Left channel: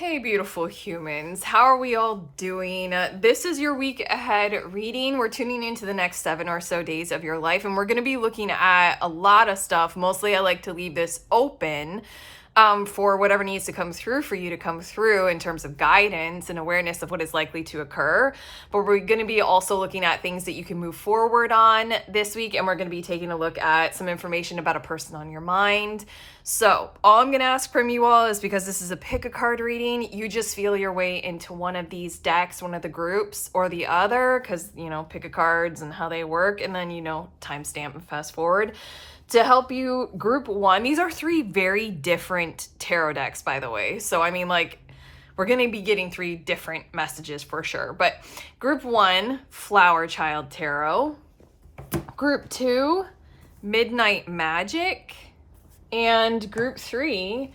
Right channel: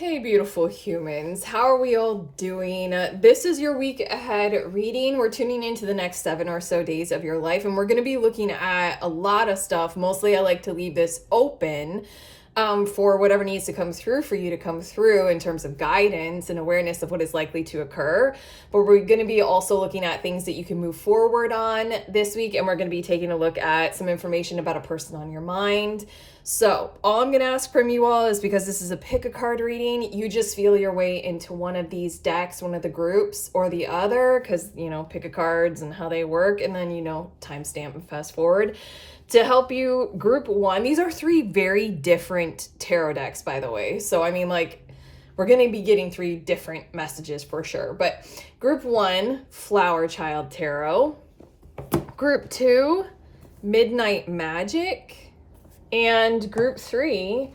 Hey, beautiful humans. How are we all doing? This is your week ahead reading. We're tuning into the next 7 or so days of your life, and we're going to be looking at a lot of stuff. Mostly, I like to leave this open for whatever needs to come through for you to come through in terms of guidance and awareness of what is likely to occur. But we're going to be also looking at things that you can move forward on this week, and we're going to be taking a look at some information about a person on your mind. So, all I'm going to ask from you all is, because this is a pick a card reading, you just feel your way into one of these decks, one of the groups or the other, because, pick a cards and how they work, and then, timestamp and fast forward to help you. Group one, these are three very different tarot decks, by the way. So, we're going to be getting three different messages for sure. But group one, Flower Child Tarot. Group two, Midnight Magic. And group three,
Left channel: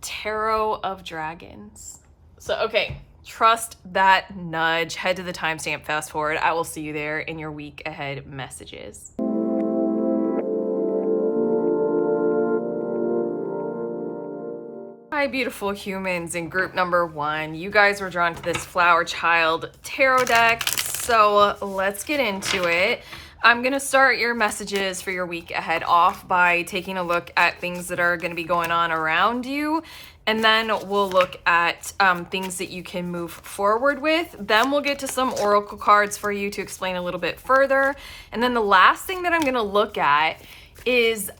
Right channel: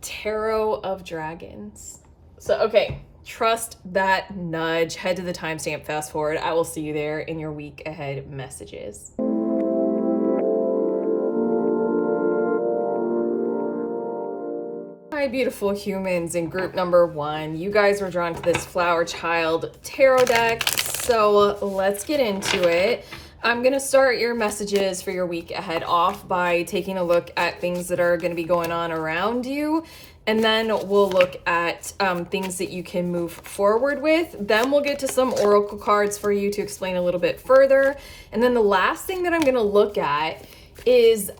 Tarot of Dragons. So, okay, trust that nudge. Head to the timestamp, fast forward. I will see you there in your week ahead messages. Hi, beautiful humans in group number one. You guys were drawn to this Flower Child Tarot deck. So let's get into it. I'm going to start your messages for your week ahead off by taking a look at things that are going to be going on around you. And then we'll look at things that you can move forward with. Then we'll get to some oracle cards for you to explain a little bit further. And then the last thing that I'm going to look at is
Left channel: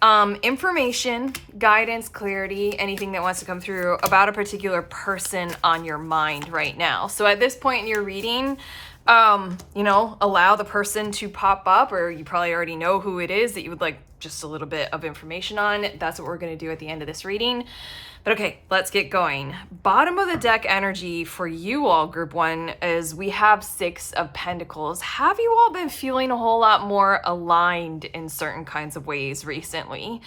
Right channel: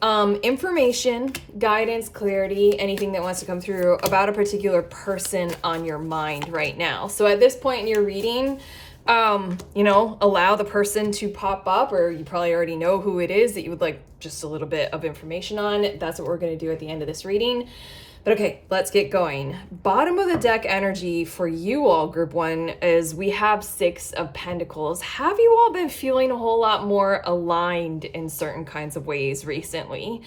information, guidance, clarity, anything that wants to come through about a particular person on your mind right now. So at this point in your reading, allow the person to pop up, or you probably already know who it is that you would like just a little bit of information on. That's what we're going to do at the end of this reading. But okay, let's get going. Bottom of the deck energy for you all, group one, is we have Six of Pentacles. Have you all been feeling a whole lot more aligned in certain kinds of ways recently?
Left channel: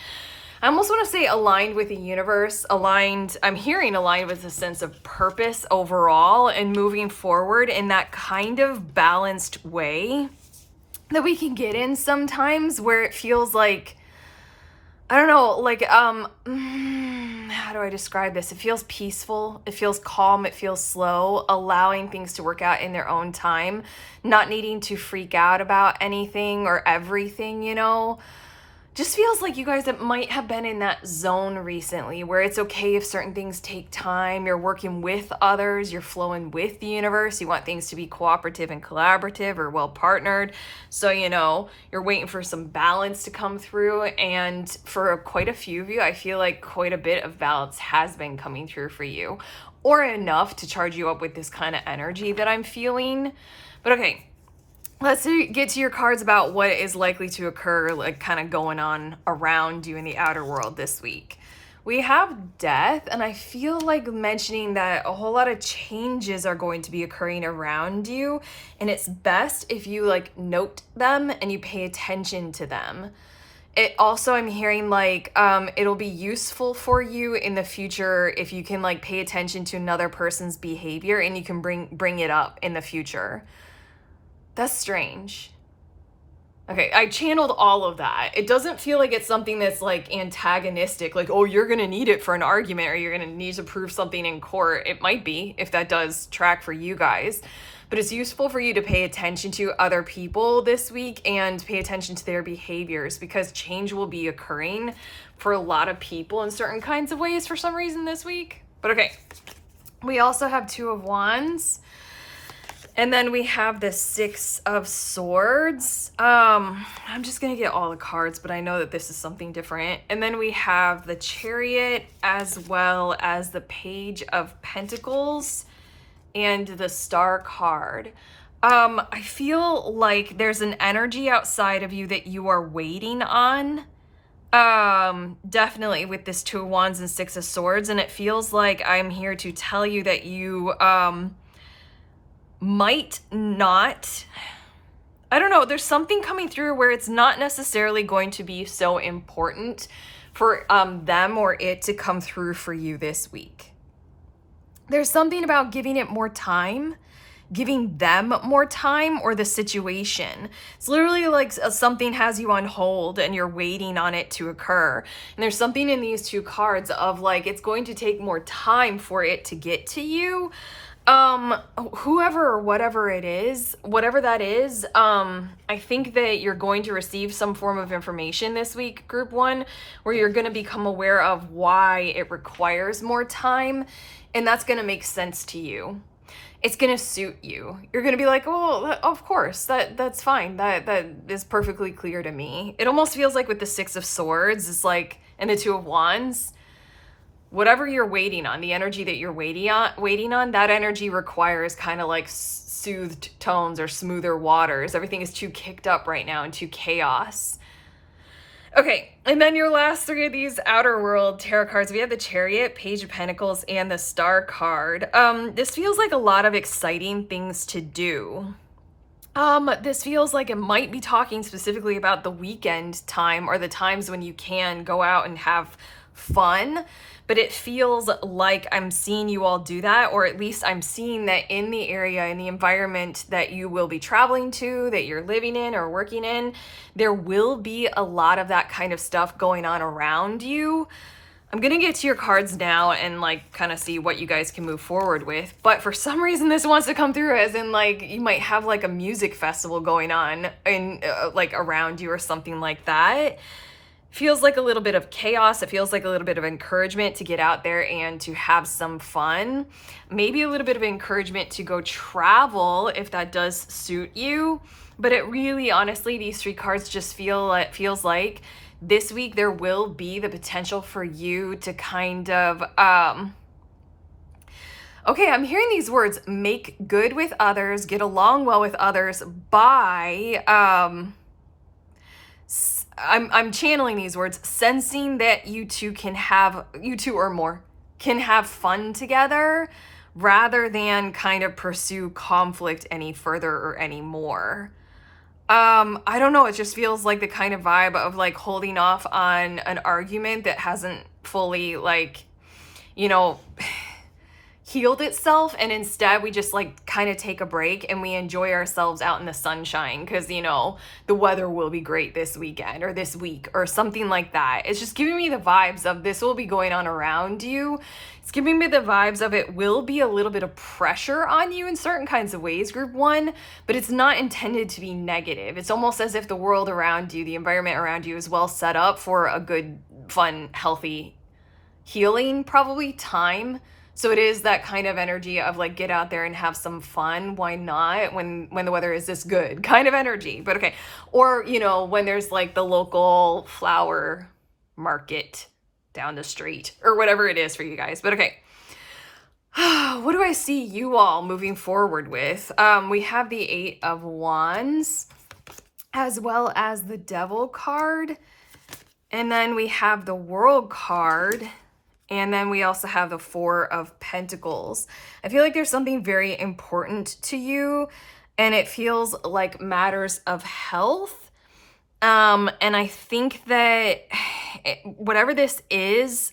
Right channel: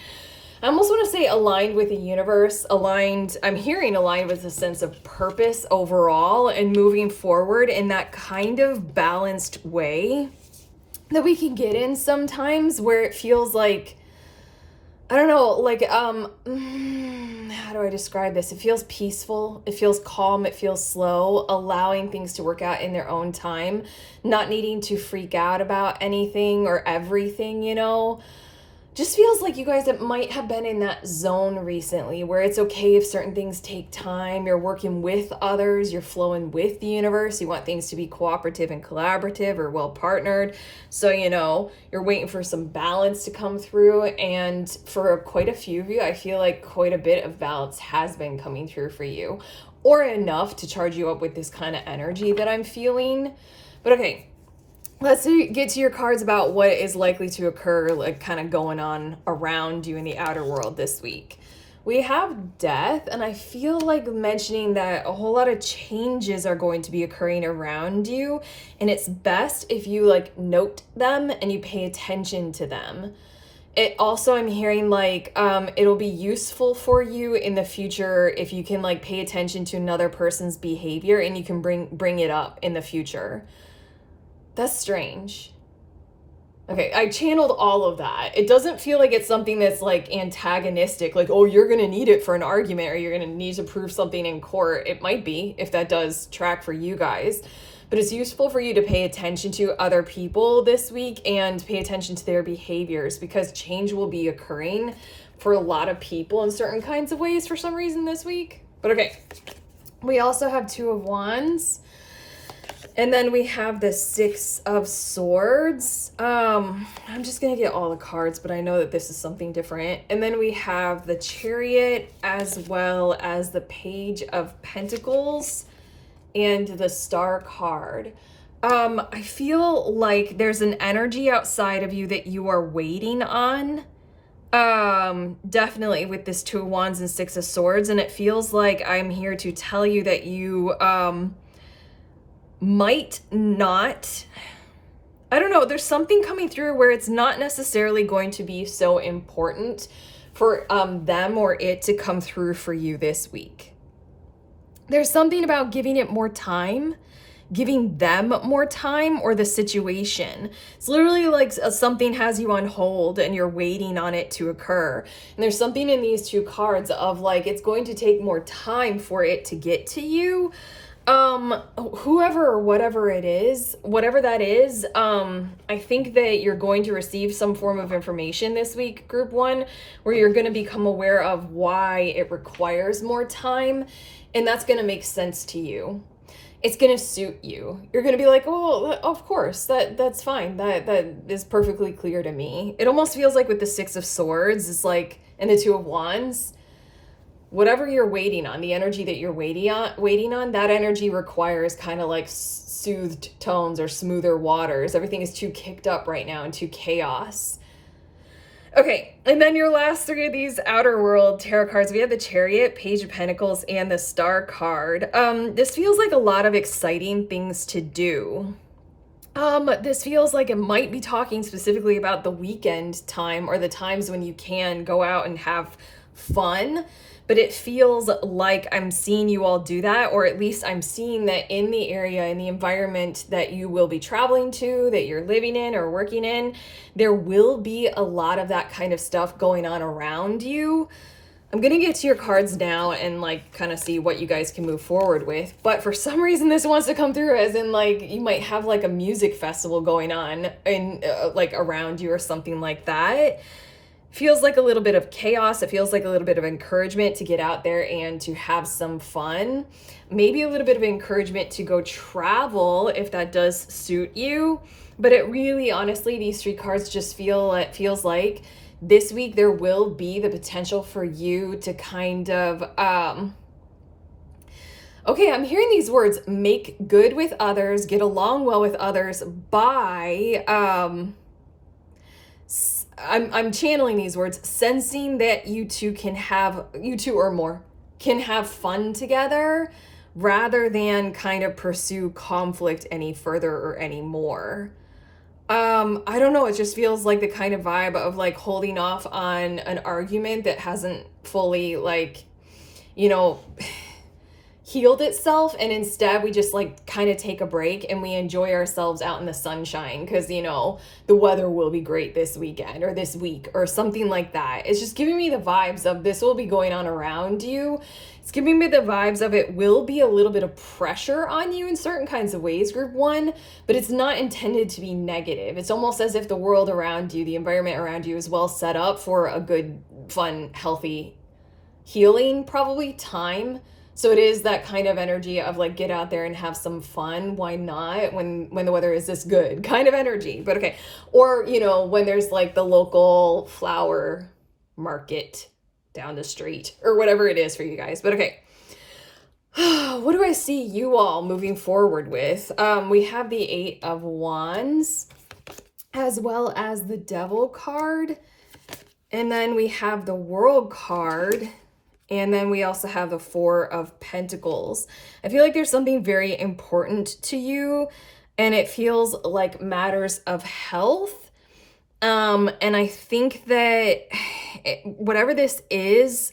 I almost want to say aligned with the universe, aligned, I'm hearing aligned with a sense of purpose overall and moving forward in that kind of balanced way that we can get in sometimes, where it feels like, I don't know, how do I describe this? It feels peaceful, it feels calm, it feels slow, allowing things to work out in their own time, not needing to freak out about anything or everything, Just feels like you guys that might have been in that zone recently where it's okay if certain things take time. You're working with others, you're flowing with the universe. You want things to be cooperative and collaborative or well partnered. So, you're waiting for some balance to come through. And for quite a few of you, I feel like quite a bit of balance has been coming through for you, or enough to charge you up with this kind of energy that I'm feeling. But okay, let's get to your cards about what is likely to occur, like kind of going on around you in the outer world this week. We have Death, and I feel like mentioning that a whole lot of changes are going to be occurring around you, and it's best if you note them and you pay attention to them. It also, I'm hearing it'll be useful for you in the future if you can pay attention to another person's behavior and you can bring it up in the future. That's strange. Okay, I channeled all of that. It doesn't feel like it's something that's antagonistic, oh, you're gonna need it for an argument or you're gonna need to prove something in court. It might be, if that does track for you guys. But it's useful for you to pay attention to other people this week and pay attention to their behaviors, because change will be occurring for a lot of people in certain kinds of ways for some reason this week. But okay, we also have Two of Wands. And then we have the Six of Swords. I'm just going to get all the cards, but I know that this is something different. And then we have the Chariot, as well as the Page of Pentacles and the Star card. I feel like there's an energy outside of you that you are waiting on. Definitely with this Two of Wands and Six of Swords. And it feels like I'm here to tell you that you, might not, I don't know, there's something coming through where it's not necessarily going to be so important for them or it to come through for you this week. There's something about giving it more time, giving them more time or the situation. It's literally like something has you on hold and you're waiting on it to occur. And there's something in these two cards of like, it's going to take more time for it to get to you. Whoever or whatever it is, whatever that is, I think that you're going to receive some form of information this week, group one, where you're going to become aware of why it requires more time, and that's going to make sense to you. It's going to suit you. You're going to be like, oh, of course, that's fine. That is perfectly clear to me. It almost feels like with the Six of Swords, it's like, and the Two of Wands, whatever you're waiting on, the energy that you're waiting on, that energy requires kind of like soothed tones or smoother waters. Everything is too kicked up right now and too chaos. Okay, and then your last three of these Outer World tarot cards, we have the Chariot, Page of Pentacles, and the Star card. This feels like a lot of exciting things to do. This feels like it might be talking specifically about the weekend time or the times when you can go out and have fun, but it feels like I'm seeing you all do that, or at least I'm seeing that in the area, in the environment that you will be traveling to, that you're living in or working in, there will be a lot of that kind of stuff going on around you. I'm gonna get to your cards now and like kind of see what you guys can move forward with, but for some reason this wants to come through as in like you might have like a music festival going on in like around you or something like that. Feels like a little bit of chaos. It feels like a little bit of encouragement to get out there and to have some fun. Maybe a little bit of encouragement to go travel if that does suit you. But it really, honestly, these three cards just feels like this week there will be the potential for you to kind of, okay, I'm hearing these words, make good with others, get along well with others by, I'm channeling these words, sensing that you two or more can have fun together rather than kind of pursue conflict any further or any more. I don't know, it just feels like the kind of vibe of like holding off on an argument that hasn't fully like, you know, healed itself, and instead we just like kind of take a break and we enjoy ourselves out in the sunshine because, you know, the weather will be great this weekend or this week or something like that. It's just giving me the vibes of this will be going on around you. It's giving me the vibes of it will be a little bit of pressure on you in certain kinds of ways, group one, but it's not intended to be negative. It's almost as if the world around you, the environment around you is well set up for a good, fun, healthy, healing probably time. So it is that kind of energy of like, get out there and have some fun. Why not? When the weather is this good kind of energy, but okay. Or, you know, when there's like the local flower market down the street or whatever it is for you guys. But okay. What do I see you all moving forward with? We have the Eight of Wands as well as the Devil card. And then we have the World card. And then we also have the Four of Pentacles. I feel like there's something very important to you, and it feels like matters of health. And I think that whatever this is,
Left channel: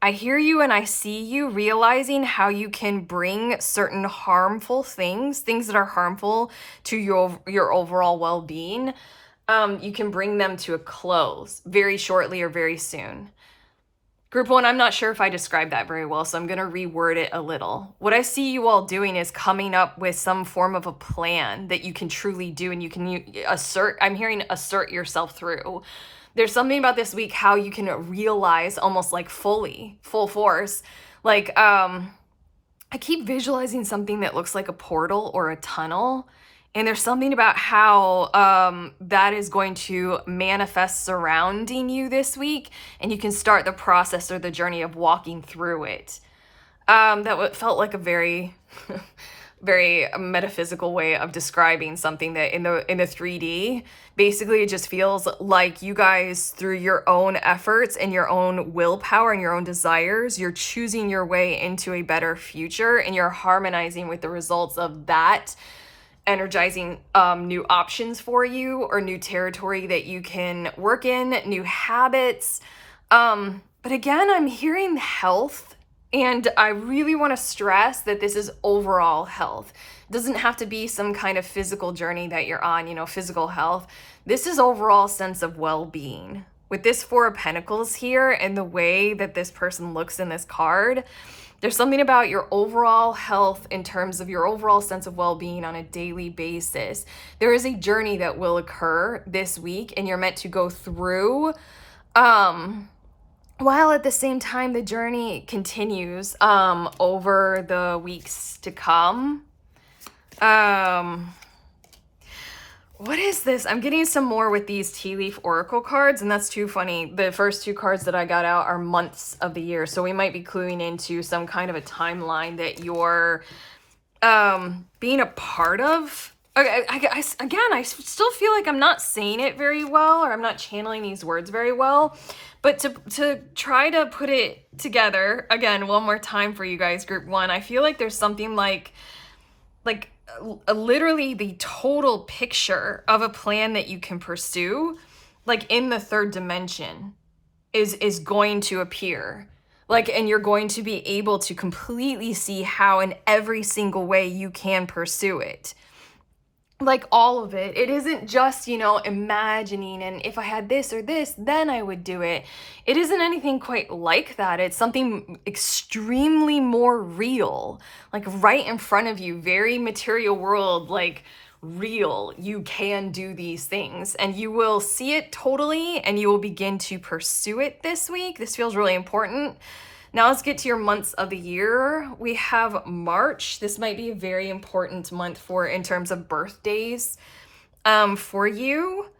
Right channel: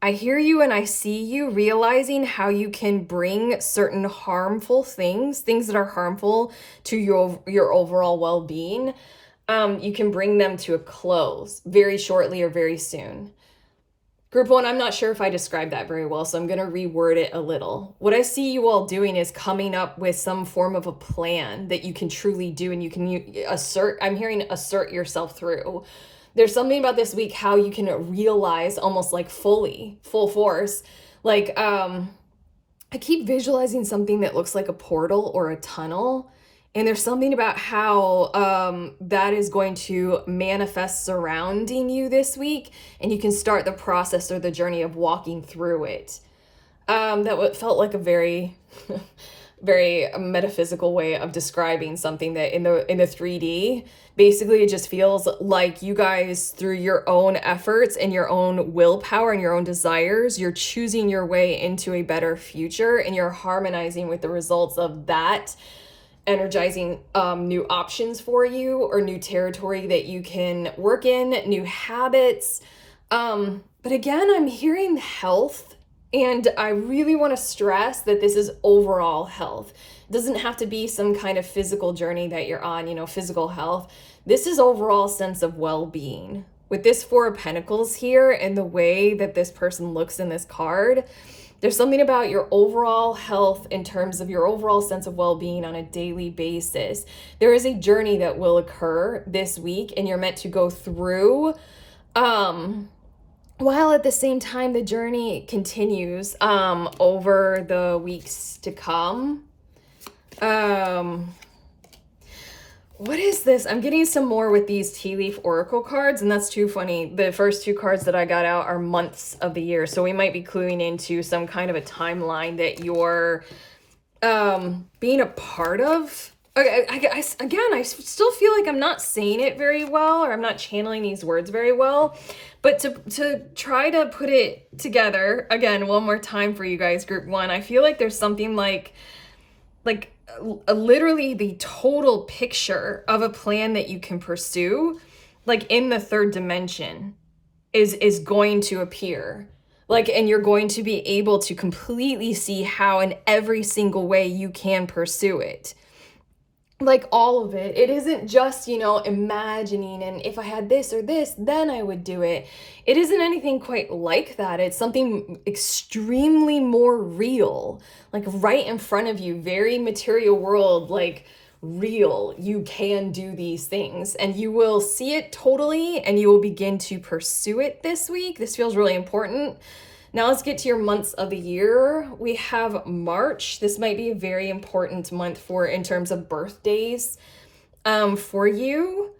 I hear you and I see you realizing how you can bring certain harmful things that are harmful to your overall well-being. You can bring them to a close very shortly or very soon. Group one, I'm not sure if I described that very well, so I'm going to reword it a little. What I see you all doing is coming up with some form of a plan that you can truly do, and you can assert yourself through. There's something about this week how you can realize almost like full force. Like, I keep visualizing something that looks like a portal or a tunnel. And there's something about how that is going to manifest surrounding you this week, and you can start the process or the journey of walking through it. That felt like a very, very metaphysical way of describing something that in the 3D, basically it just feels like you guys, through your own efforts and your own willpower and your own desires, you're choosing your way into a better future, and you're harmonizing with the results of that, energizing new options for you or new territory that you can work in, new habits. But again, I'm hearing health And I really want to stress that this is overall health. It doesn't have to be some kind of physical journey that you're on, you know, physical health. This is overall sense of well-being. With this Four of Pentacles here and the way that this person looks in this card, there's something about your overall health in terms of your overall sense of well-being on a daily basis. There is a journey that will occur this week, and you're meant to go through, while at the same time the journey continues over the weeks to come. What is this? I'm getting some more with these tea leaf oracle cards, and that's too funny. The first two cards that I got out are months of the year, so we might be cluing into some kind of a timeline that you're being a part of. Okay, I still feel like I'm not saying it very well, or I'm not channeling these words very well. But to try to put it together, again, one more time for you guys, group one, I feel like there's something like literally the total picture of a plan that you can pursue, like in the third dimension, is going to appear. Like, and you're going to be able to completely see how in every single way you can pursue it. Like all of it. It isn't just, you know, imagining and if I had this or this, then I would do it. It isn't anything quite like that. It's something extremely more real, like right in front of you, very material world, like real. You can do these things and you will see it totally and you will begin to pursue it this week. This feels really important. Now let's get to your months of the year. We have March. This might be a very important month for in terms of birthdays for you,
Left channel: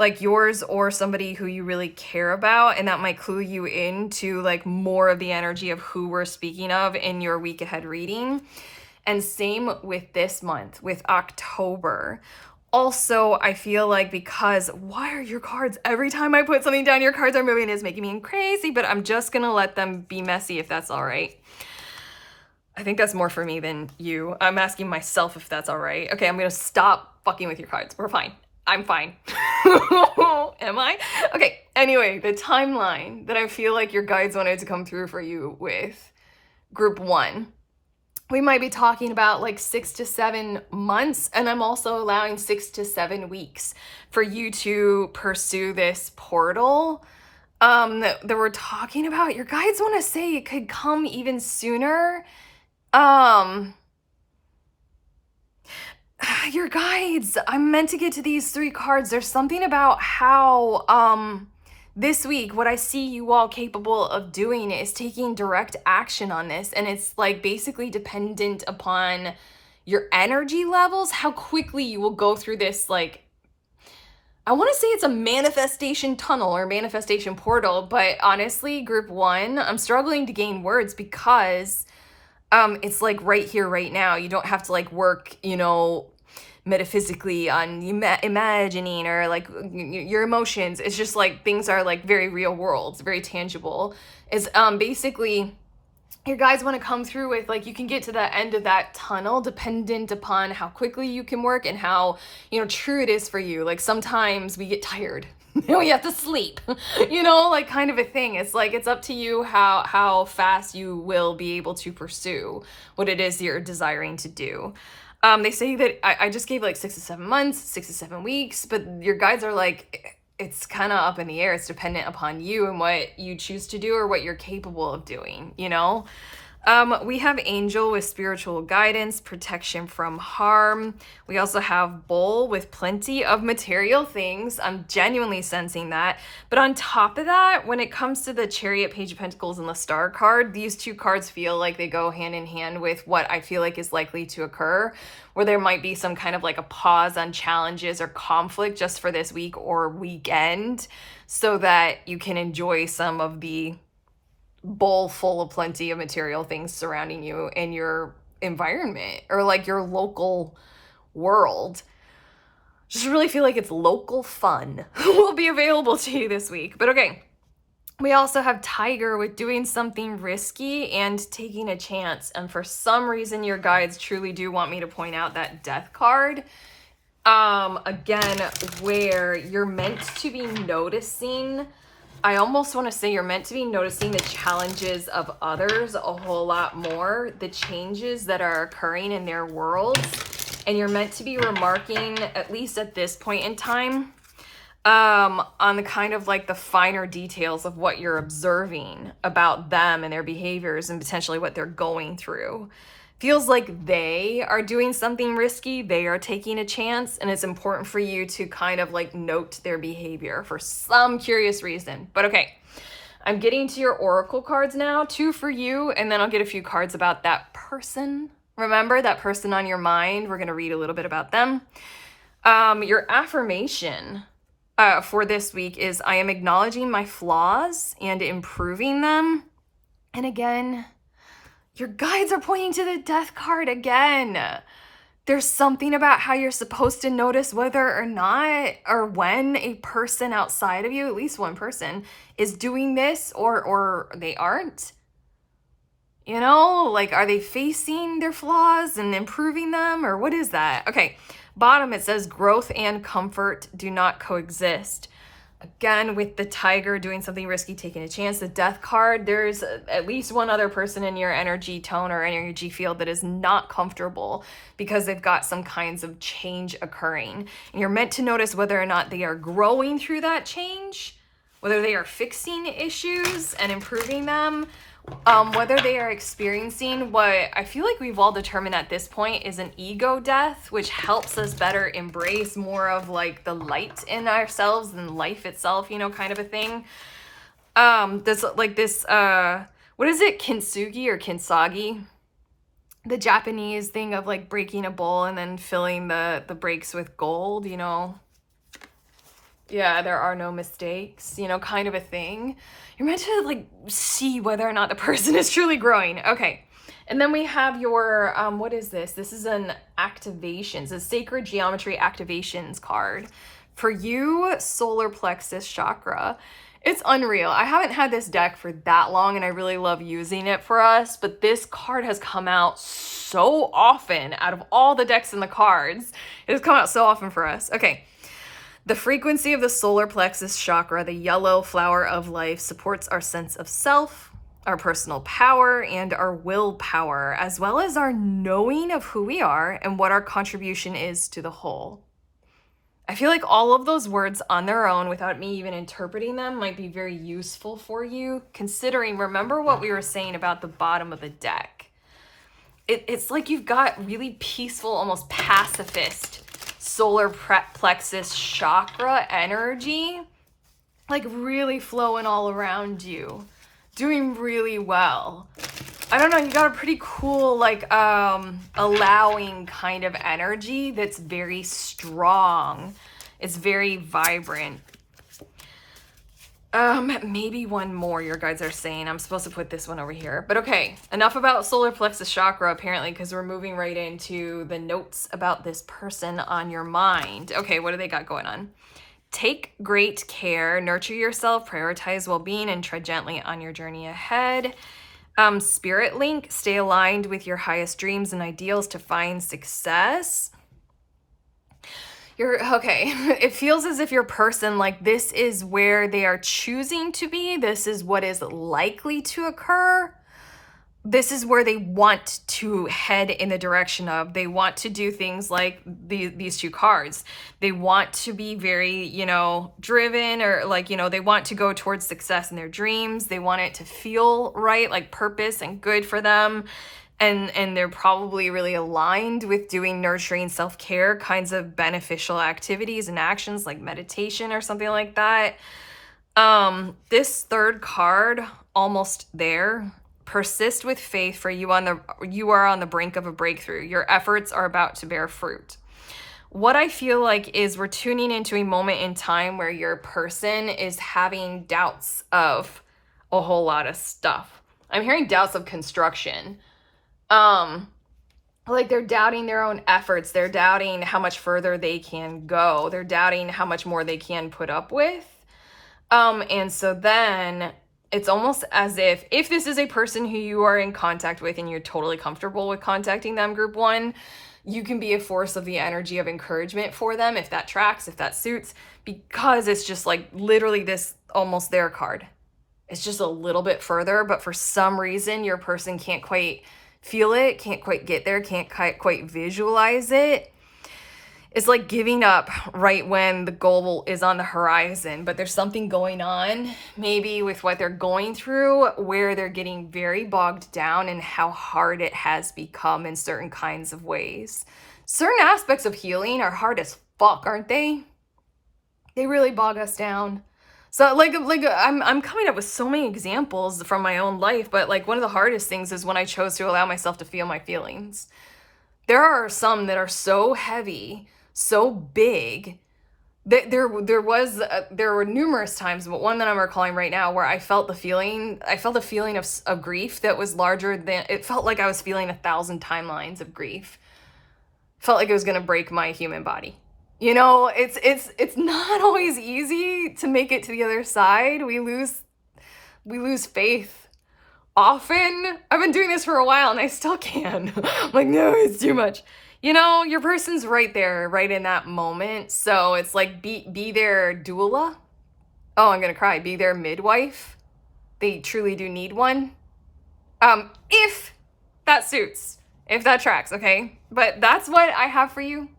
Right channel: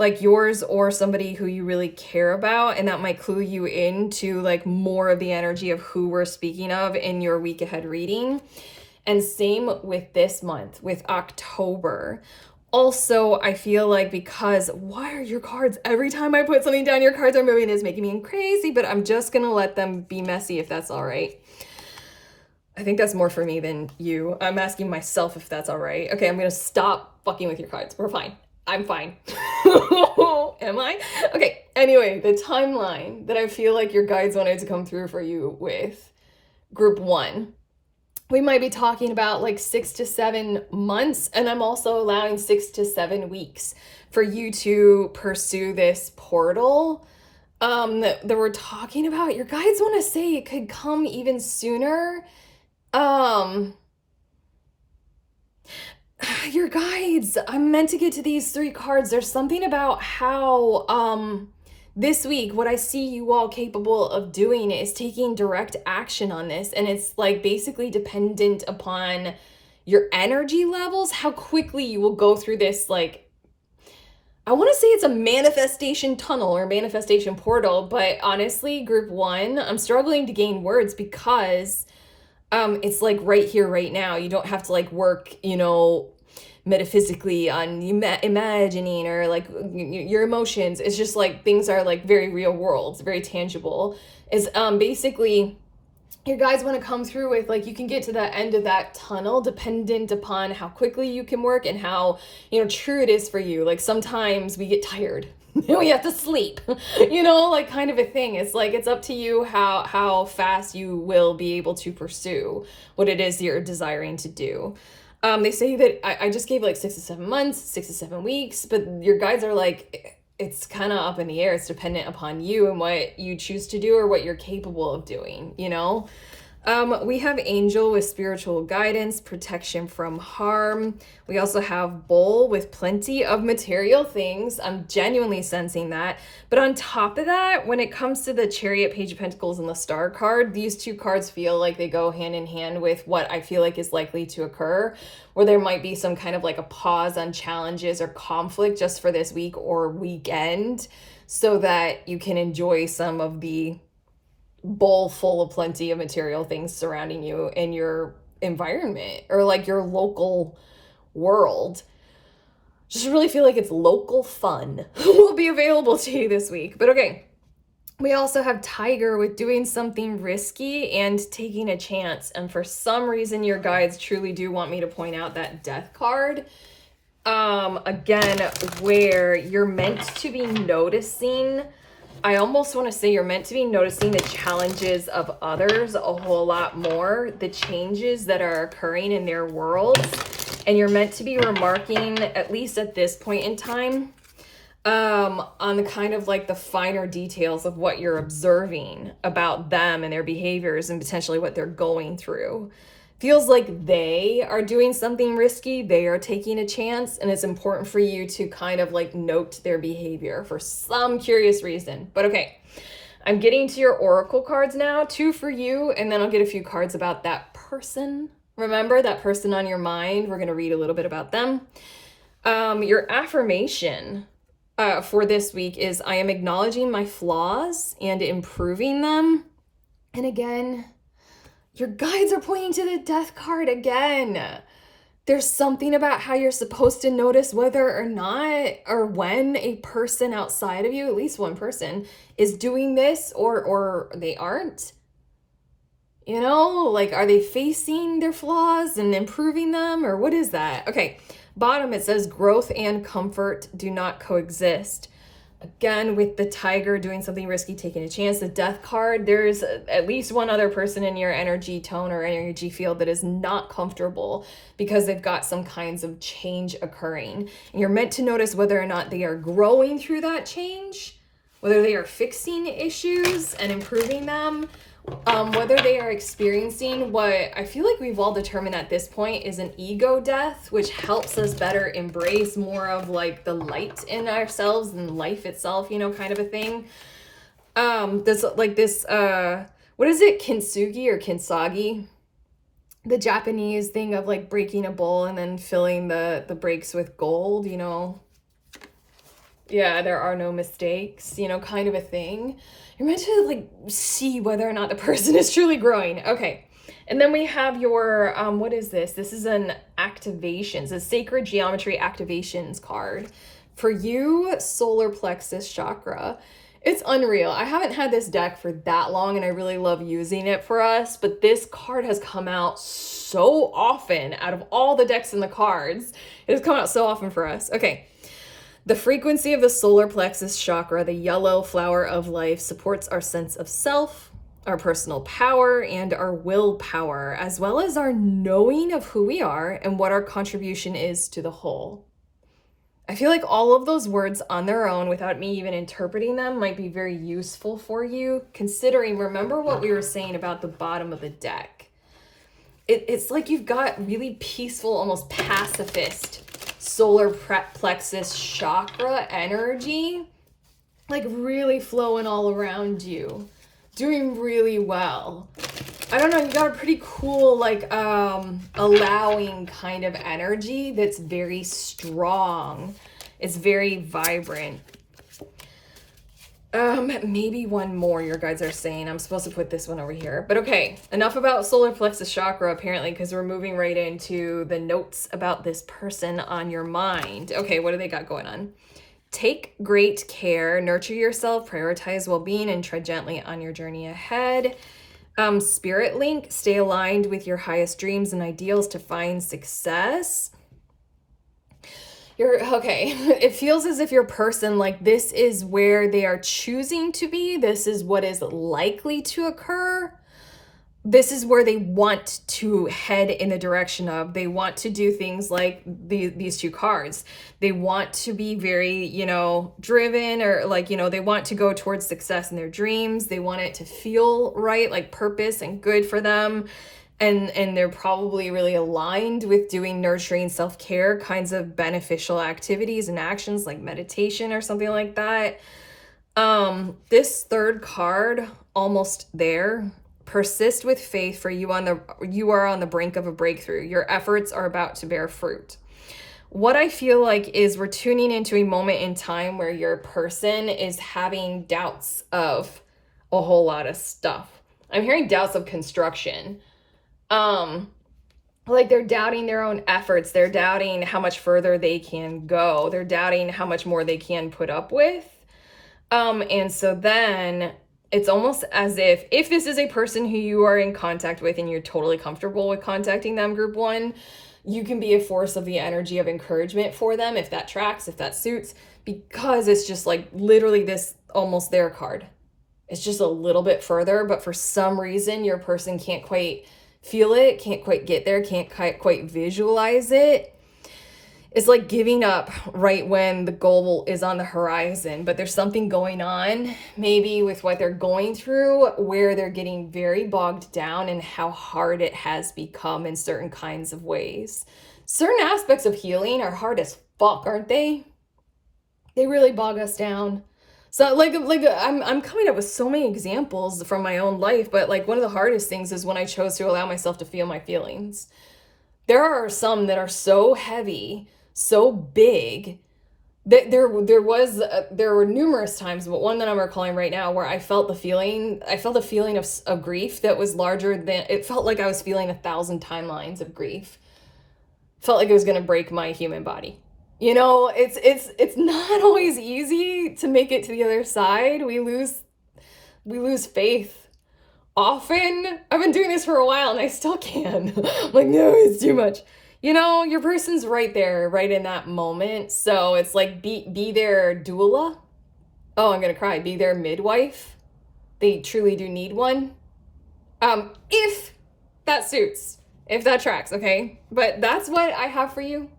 like yours or somebody who you really care about, and that might clue you into like more of the energy of who we're speaking of in your week ahead reading. And same with this month, with October. Also, I feel like because why are your cards, every time I put something down, your cards are moving, it's making me crazy, but I'm just going to let them be messy if that's all right. I think that's more for me than you. I'm asking myself if that's all right. Okay, I'm going to stop fucking with your cards. We're fine. I'm fine. Am I? Okay, anyway, the timeline that I feel like your guides wanted to come through for you with group one. We might be talking about like 6 to 7 months, and I'm also allowing 6 to 7 weeks for you to pursue this portal that we're talking about. Your guides want to say it could come even sooner. Your guides, I'm meant to get to these 3 cards. There's something about how this week, what I see you all capable of doing is taking direct action on this. And it's like basically dependent upon your energy levels, how quickly you will go through this. Like, I want to say it's a manifestation tunnel or manifestation portal, but honestly, group one, I'm struggling to gain words because it's like right here, right now. You don't have to like work, you know, metaphysically on imagining or like your emotions. It's just like things are like very real world, very tangible. Is basically your guides want to come through with like you can get to the end of that tunnel dependent upon how quickly you can work and how, you know, true it is for you. Like sometimes we get tired and we have to sleep, you know, like kind of a thing. It's like it's up to you how fast you will be able to pursue what it is you're desiring to do. They say that I just gave like 6 to 7 months, 6 to 7 weeks, but your guides are like, it's kind of up in the air. It's dependent upon you and what you choose to do or what you're capable of doing, you know? We have Angel with spiritual guidance, protection from harm. We also have Bull with plenty of material things. I'm genuinely sensing that. But on top of that, when it comes to the Chariot, Page of Pentacles, and the Star card, these 2 cards feel like they go hand in hand with what I feel like is likely to occur, where there might be some kind of like a pause on challenges or conflict just for this week or weekend so that you can enjoy some of the bowl full of plenty of material things surrounding you in your environment or like your local world. Just really feel like it's local fun will be available to you this week. But okay, we also have Tiger with doing something risky and taking a chance. And for some reason, your guides truly do want me to point out that Death card. Again, where you're meant to be noticing I almost want to say you're meant to be noticing the challenges of others a whole lot more, the changes that are occurring in their worlds. And you're meant to be remarking, at least at this point in time, on the kind of like the finer details of what you're observing about them and their behaviors and potentially what they're going through. Feels like they are doing something risky, they are taking a chance, and it's important for you to kind of like note their behavior for some curious reason. But okay, I'm getting to your oracle cards now, 2 for you, and then I'll get a few cards about that person. Remember that person on your mind. We're going to read a little bit about them. Your affirmation for this week is, I am acknowledging my flaws and improving them. And again, your guides are pointing to the Death card again. There's something about how you're supposed to notice whether or not, or when a person outside of you, at least one person, is doing this or they aren't. You know, like, are they facing their flaws and improving them, or what is that? Okay, bottom it says growth and comfort do not coexist. Again, with the Tiger doing something risky, taking a chance, the Death card, there's at least one other person in your energy tone or energy field that is not comfortable because they've got some kinds of change occurring. And you're meant to notice whether or not they are growing through that change, whether they are fixing issues and improving them, whether they are experiencing what I feel like we've all determined at this point is an ego death, which helps us better embrace more of like the light in ourselves and life itself, you know, kind of a thing. What is it? Kintsugi or kintsugi? The Japanese thing of like breaking a bowl and then filling the breaks with gold, you know. Yeah, there are no mistakes, you know, kind of a thing. You're meant to like see whether or not the person is truly growing. Okay. And then we have your, what is this? This is an activations, a sacred geometry activations card. For you, solar plexus chakra. It's unreal. I haven't had this deck for that long and I really love using it for us, but this card has come out so often out of all the decks in the cards. It has come out so often for us. Okay. The frequency of the solar plexus chakra, the yellow flower of life, supports our sense of self, our personal power, and our willpower, as well as our knowing of who we are and what our contribution is to the whole. I feel like all of those words on their own, without me even interpreting them, might be very useful for you, considering, remember what we were saying about the bottom of the deck. It's like you've got really peaceful, almost pacifist solar plexus chakra energy, like really flowing all around you, doing really well. I don't know, you got a pretty cool, like, allowing kind of energy that's very strong. It's very vibrant. Maybe one more, your guides are saying. I'm supposed to put this one over here. But okay, enough about solar plexus chakra, apparently, because we're moving right into the notes about this person on your mind. Okay, what do they got going on? Take great care, nurture yourself, prioritize well-being, and tread gently on your journey ahead. Spirit link, stay aligned with your highest dreams and ideals to find success. Okay. It feels as if your person, like, this is where they are choosing to be. This is what is likely to occur. This is where they want to head in the direction of. They want to do things like these 2 cards. They want to be very, you know, driven, or like, you know, they want to go towards success in their dreams. They want it to feel right, like purpose and good for them. And they're probably really aligned with doing nurturing self-care kinds of beneficial activities and actions like meditation or something like that. This 3rd card, almost there. Persist with faith, for you are on the brink of a breakthrough. Your efforts are about to bear fruit. What I feel like is we're tuning into a moment in time where your person is having doubts of a whole lot of stuff. I'm hearing doubts of construction. Like they're doubting their own efforts. They're doubting how much further they can go. They're doubting how much more they can put up with. And so then it's almost as if this is a person who you are in contact with and you're totally comfortable with contacting them, group 1, you can be a force of the energy of encouragement for them, if that tracks, if that suits, because it's just like literally this almost there card. It's just a little bit further, but for some reason, your person can't quite feel it, can't quite get there, can't quite visualize it. It's like giving up right when the goal is on the horizon, but there's something going on, maybe with what they're going through, where they're getting very bogged down in how hard it has become in certain kinds of ways. Certain aspects of healing are hard as fuck, aren't they? They really bog us down. So like I'm coming up with so many examples from my own life, but like one of the hardest things is when I chose to allow myself to feel my feelings. There are some that are so heavy, so big. There were numerous times, but one that I'm recalling right now where I felt the feeling of grief that was larger than, it felt like I was feeling 1,000 timelines of grief. Felt like it was gonna break my human body. You know, it's not always easy to make it to the other side. We lose faith often. I've been doing this for a while and I still can. I'm like, no, it's too much. You know, your person's right there, right in that moment. So it's like be their doula. Oh, I'm gonna cry. Be their midwife. They truly do need one. If that suits, if that tracks, okay? But that's what I have for you.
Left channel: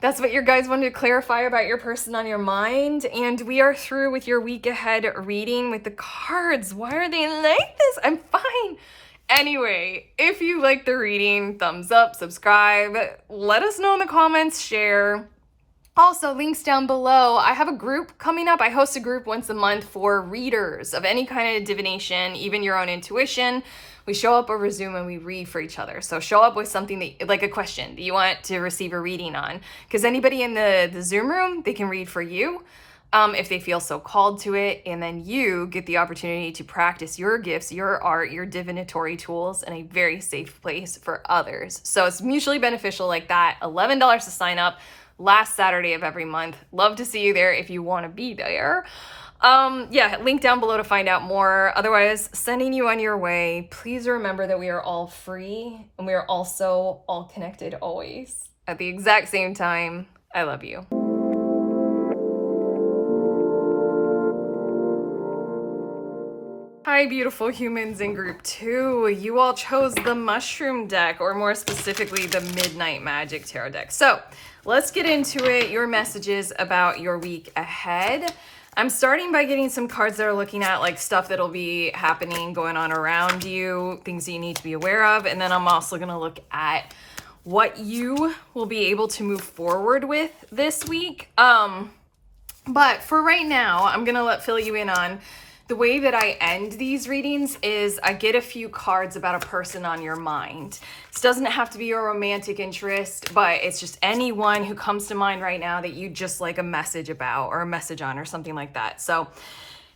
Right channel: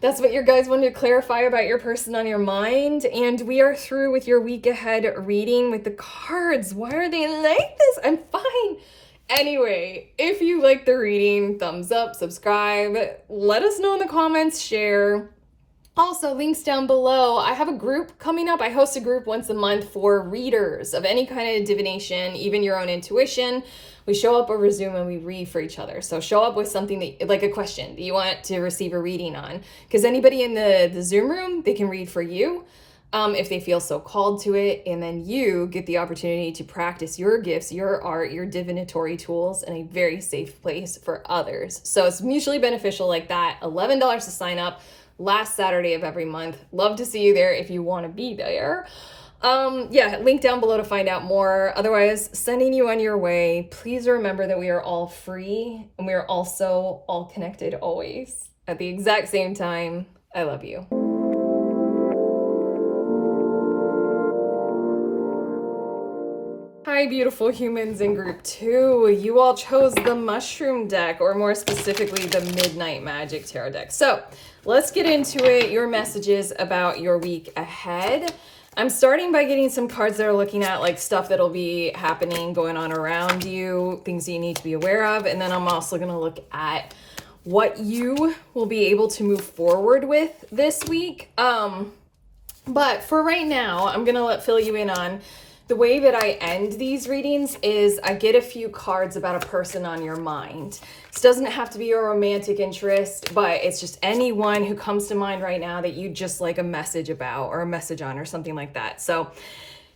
That's what your guys wanted to clarify about your person on your mind. And we are through with your week ahead reading with the cards. Why are they like this? I'm fine. Anyway, if you like the reading, thumbs up, subscribe, let us know in the comments, share. Also, links down below. I have a group coming up. I host a group once a month for readers of any kind of divination, even your own intuition. We show up over Zoom and we read for each other. So show up with something that, like a question that you want to receive a reading on. Because anybody in the Zoom room, they can read for you if they feel so called to it. And then you get the opportunity to practice your gifts, your art, your divinatory tools in a very safe place for others. So it's mutually beneficial like that. $11 to sign up. Last Saturday of every month. Love to see you there if you want to be there. Yeah, link down below to find out more. Otherwise, sending you on your way. Please remember that we are all free and we are also all connected always at the exact same time. I love you. Hi, beautiful humans in group 2. You all chose the mushroom deck, or more specifically, the Midnight Magic Tarot deck. So let's get into it. Your messages about your week ahead. I'm starting by getting some cards that are looking at like stuff that'll be happening, going on around you, things that you need to be aware of. And then I'm also going to look at what you will be able to move forward with this week. But for right now, I'm going to fill you in on the way that I end these readings is I get a few cards about a person on your mind. This doesn't have to be a romantic interest, but it's just anyone who comes to mind right now that you just like a message about or a message on or something like that. So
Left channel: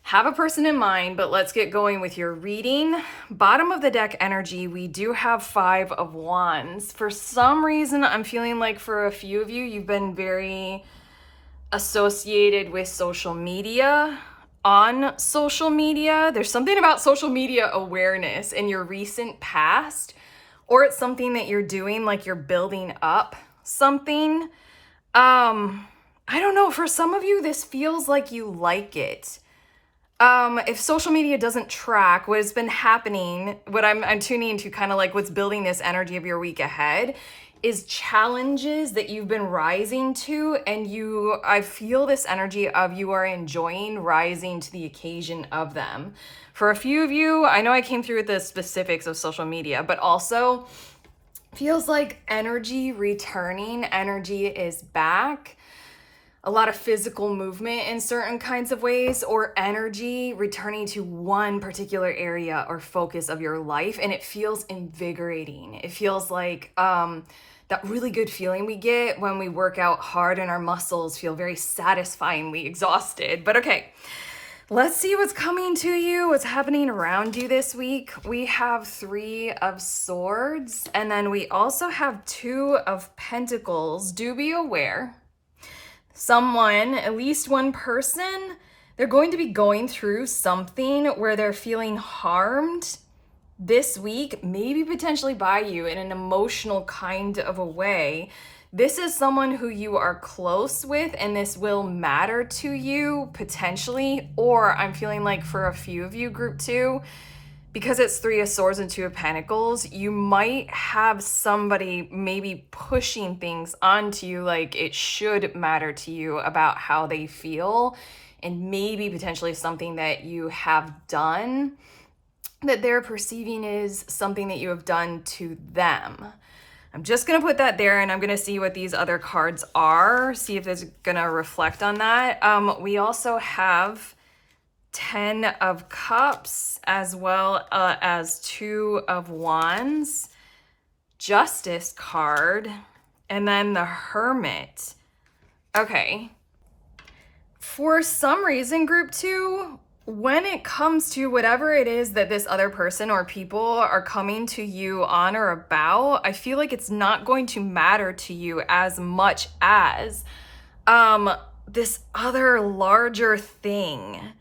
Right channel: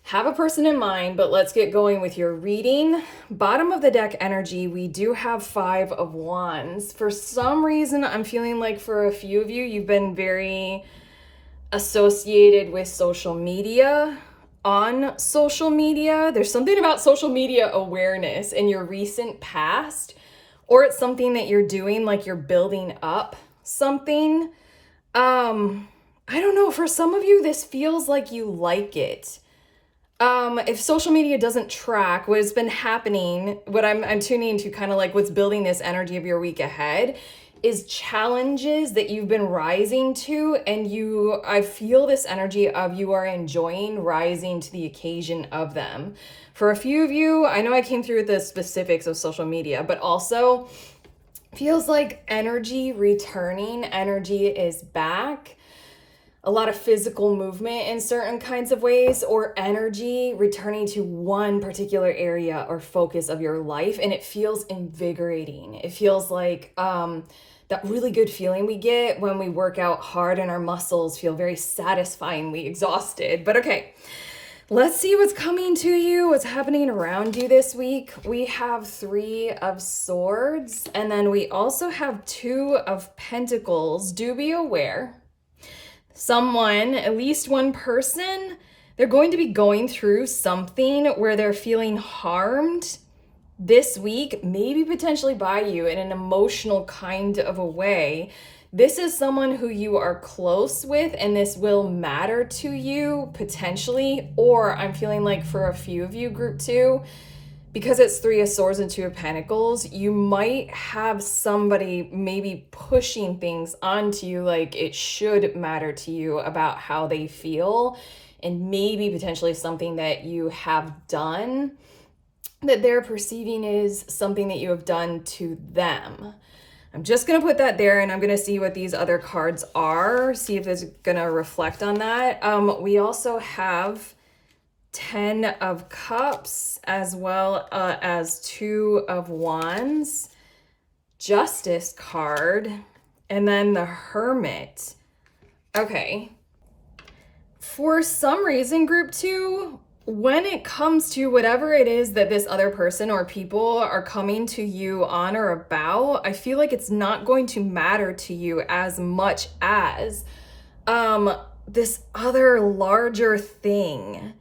have a person in mind, but let's get going with your reading. Bottom of the deck energy, we do have 5 of Wands. For some reason, I'm feeling like for a few of you, you've been very associated with social media. On social media, there's something about social media awareness in your recent past, or it's something that you're doing, like you're building up something. I don't know, for some of you, this feels like you like it. If social media doesn't track what has been happening, what I'm tuning into kind of like what's building this energy of your week ahead is challenges that you've been rising to, and I feel this energy of you are enjoying rising to the occasion of them. For a few of you, I know I came through with the specifics of social media, but also feels like energy returning, energy is back. A lot of physical movement in certain kinds of ways, or energy returning to one particular area or focus of your life, and it feels invigorating. It feels like that really good feeling we get when we work out hard and our muscles feel very satisfyingly exhausted. But okay, let's see what's coming to you, what's happening around you this week. We have 3 of Swords, and then we also have 2 of Pentacles. Do be aware, someone, at least one person, they're going to be going through something where they're feeling harmed this week maybe potentially by you in an emotional kind of a way. This is someone who you are close with, and this will matter to you potentially. Or I'm feeling like for a few of you, group 2, because it's 3 of Swords and 2 of Pentacles, you might have somebody maybe pushing things onto you like it should matter to you about how they feel, and maybe potentially something that you have done that they're perceiving is something that you have done to them. I'm just going to put that there, and I'm going to see what these other cards are, see if it's going to reflect on that. We also have 10 of Cups, as well as 2 of Wands, Justice card, and then the Hermit. Okay. For some reason, group 2, when it comes to whatever it is that this other person or people are coming to you on or about, I feel like it's not going to matter to you as much as this other larger thing.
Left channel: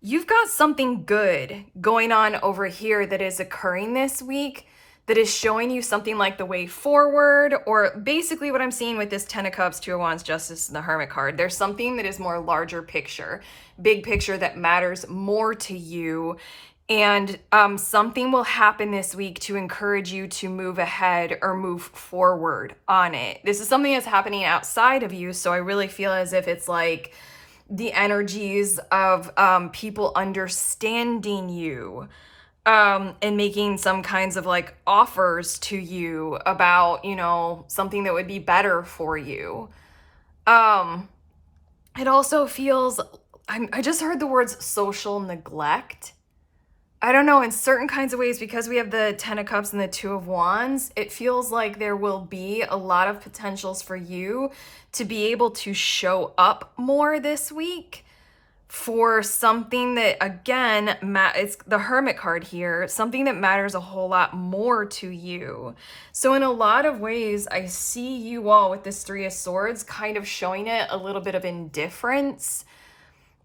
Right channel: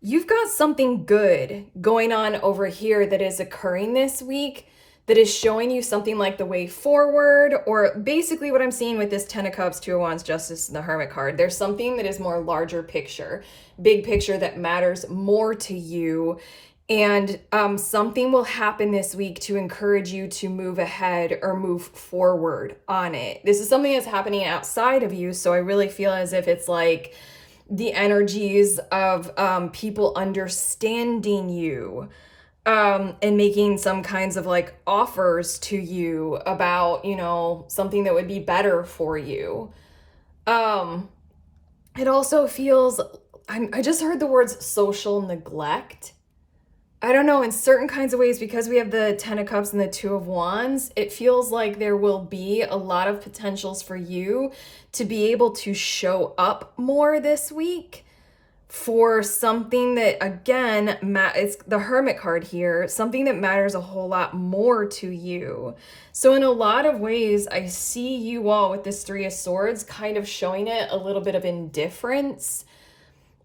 You've got something good going on over here that is occurring this week that is showing you something like the way forward, or basically what I'm seeing with this 10 of Cups, 2 of Wands, Justice, and the Hermit card. There's something that is more larger picture, big picture that matters more to you. And something will happen this week to encourage you to move ahead or move forward on it. This is something that's happening outside of you. So I really feel as if it's like the energies of people understanding you, and making some kinds of like offers to you about, you know, something that would be better for you. It also feels, I just heard the words social neglect. I don't know, in certain kinds of ways, because we have the 10 of Cups and the 2 of Wands, it feels like there will be a lot of potentials for you to be able to show up more this week for something that, again, it's the Hermit card here, something that matters a whole lot more to you. So in a lot of ways, I see you all with this 3 of Swords kind of showing it a little bit of indifference,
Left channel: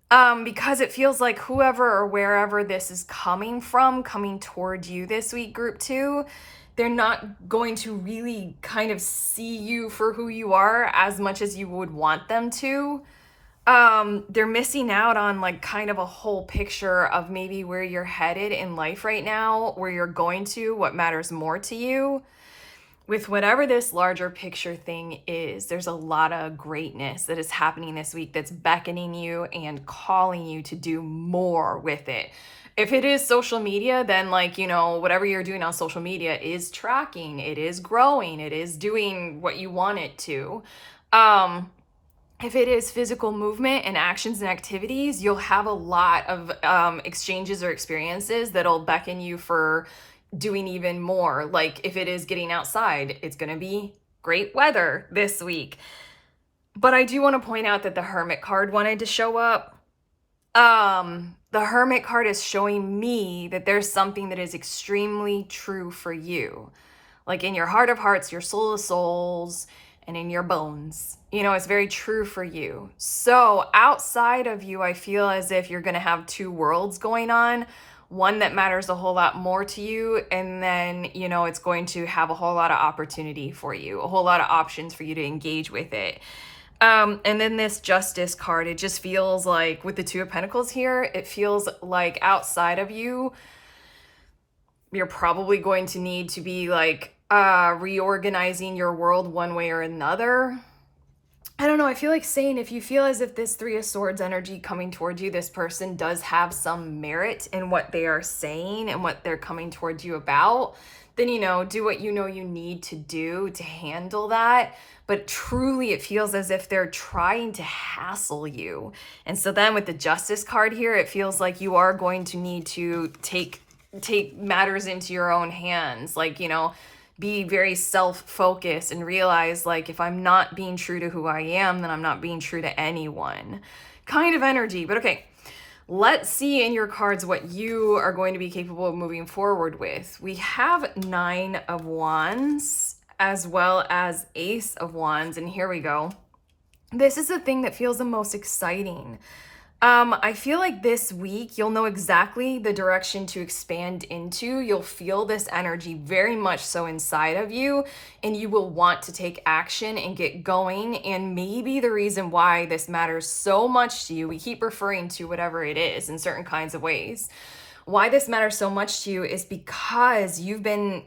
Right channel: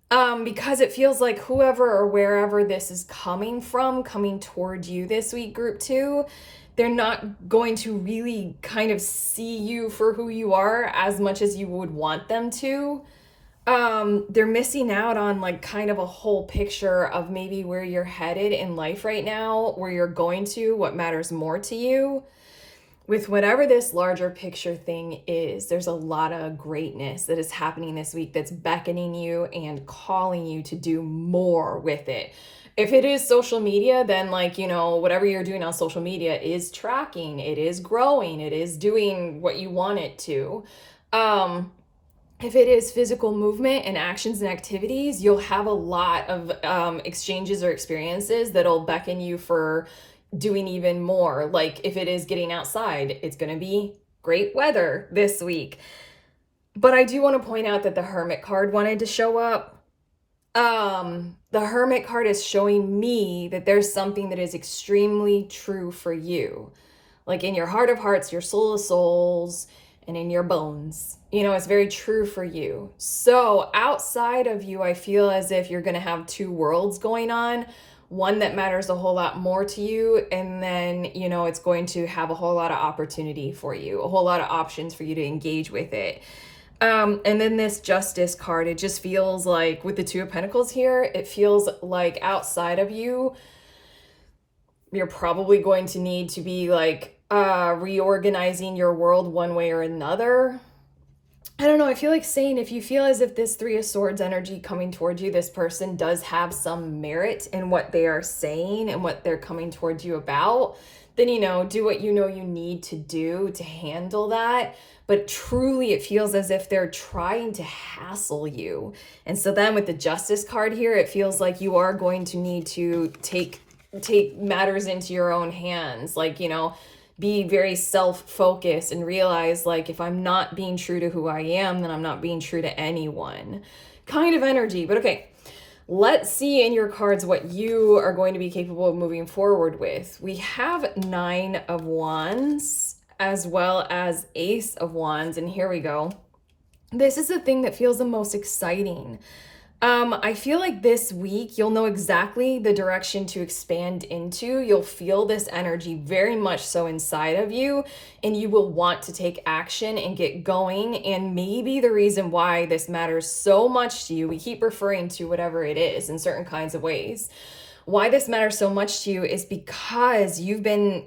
because it feels like whoever or wherever this is coming from, coming toward you this week, group 2, they're not going to really kind of see you for who you are as much as you would want them to. They're missing out on like kind of a whole picture of maybe where you're headed in life right now, where you're going to, what matters more to you. With whatever this larger picture thing is, there's a lot of greatness that is happening this week that's beckoning you and calling you to do more with it. If it is social media, then like, you know, whatever you're doing on social media is tracking, it is growing, it is doing what you want it to. If it is physical movement and actions and activities, you'll have a lot of exchanges or experiences that'll beckon you for doing even more. Like if it is getting outside, it's going to be great weather this week. But I do want to point out that the Hermit card wanted to show up. The Hermit card is showing me that there's something that is extremely true for you. Like in your heart of hearts, your soul of souls, and in your bones. You know, it's very true for you. So outside of you, I feel as if you're going to have 2 worlds going on. One that matters a whole lot more to you, and then, you know, it's going to have a whole lot of opportunity for you, a whole lot of options for you to engage with it. And then this Justice card, it just feels like with the 2 of Pentacles here, it feels like outside of you, you're probably going to need to be like reorganizing your world one way or another. I don't know, I feel like saying if you feel as if this 3 of Swords energy coming towards you, this person does have some merit in what they are saying and what they're coming towards you about, then, you know, do what you know you need to do to handle that. But truly, it feels as if they're trying to hassle you. And so then with the Justice card here, it feels like you are going to need to take matters into your own hands. Like, you know, be very self-focused and realize like if I'm not being true to who I am, then I'm not being true to anyone kind of energy. But okay, let's see in your cards what you are going to be capable of moving forward with. We have 9 of Wands as well as Ace of Wands, and here we go. This is the thing that feels the most exciting. I feel like this week you'll know exactly the direction to expand into. You'll feel this energy very much so inside of you, and you will want to take action and get going. And maybe the reason why this matters so much to you, we keep referring to whatever it is in certain kinds of ways. Why this matters so much to you is because you've been,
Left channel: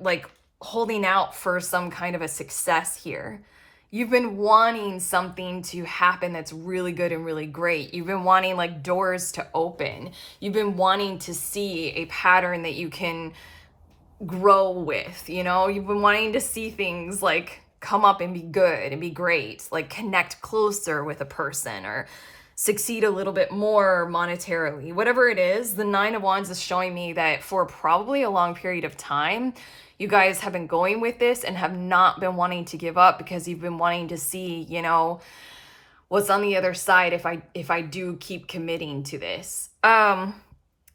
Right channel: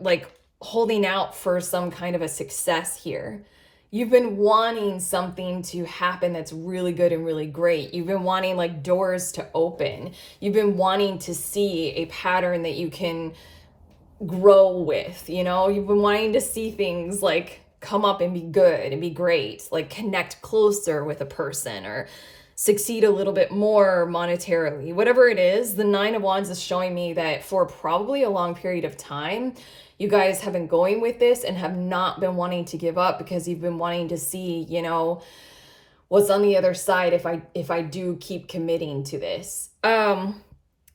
like holding out for some kind of a success here. You've been wanting something to happen that's really good and really great. You've been wanting like doors to open. You've been wanting to see a pattern that you can grow with, You've been wanting to see things like come up and be good and be great, like connect closer with a person or succeed a little bit more monetarily. Whatever it is, the Nine of Wands is showing me that for probably a long period of time, you guys have been going with this and have not been wanting to give up because you've been wanting to see, what's on the other side if I do keep committing to this. The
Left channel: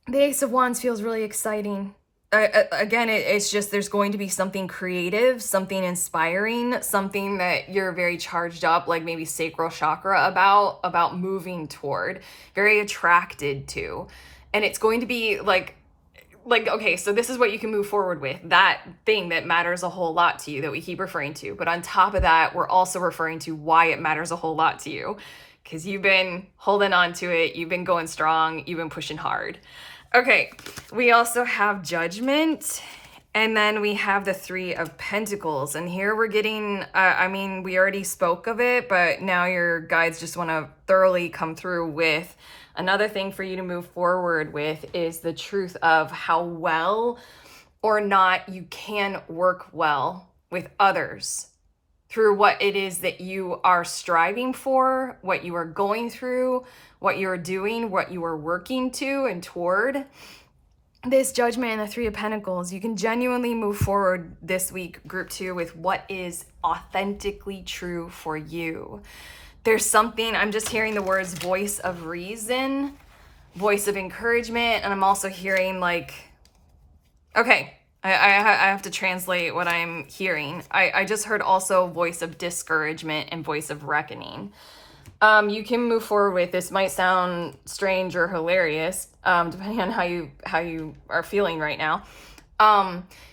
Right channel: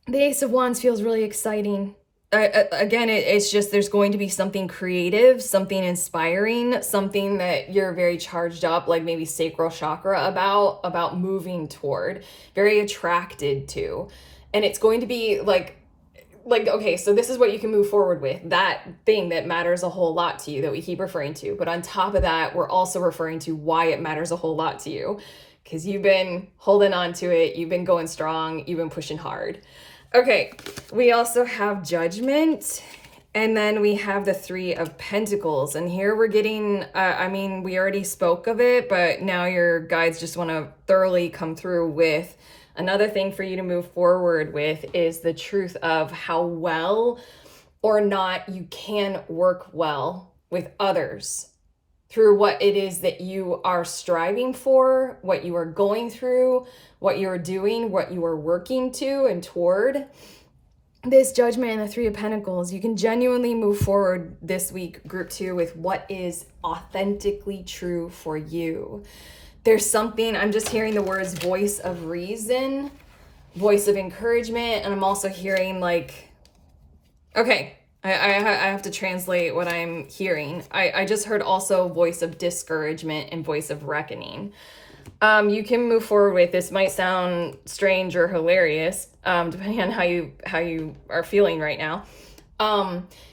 Ace of Wands feels really exciting. Again, it's just there's going to be something creative, something inspiring, something that you're very charged up, like maybe sacral chakra about moving toward, very attracted to. And it's going to be like, okay, so this is what you can move forward with, that thing that matters a whole lot to you that we keep referring to. But on top of that, we're also referring to why it matters a whole lot to you, because you've been holding on to it, you've been going strong, you've been pushing hard. Okay, we also have Judgment, and then we have the Three of Pentacles. And here we're getting, we already spoke of it, but now your guides just want to thoroughly come through with another thing for you to move forward with is the truth of how well or not you can work well with others through what it is that you are striving for, what you are going through, what you're doing, what you are working to and toward. This Judgment and the Three of Pentacles, you can genuinely move forward this week, group 2, with what is authentically true for you. There's something, I'm just hearing the words voice of reason, voice of encouragement, and I'm also hearing like, okay, I have to translate what I'm hearing. I just heard also voice of discouragement and voice of reckoning. You can move forward with, this might sound strange or hilarious, depending on how you are feeling right now.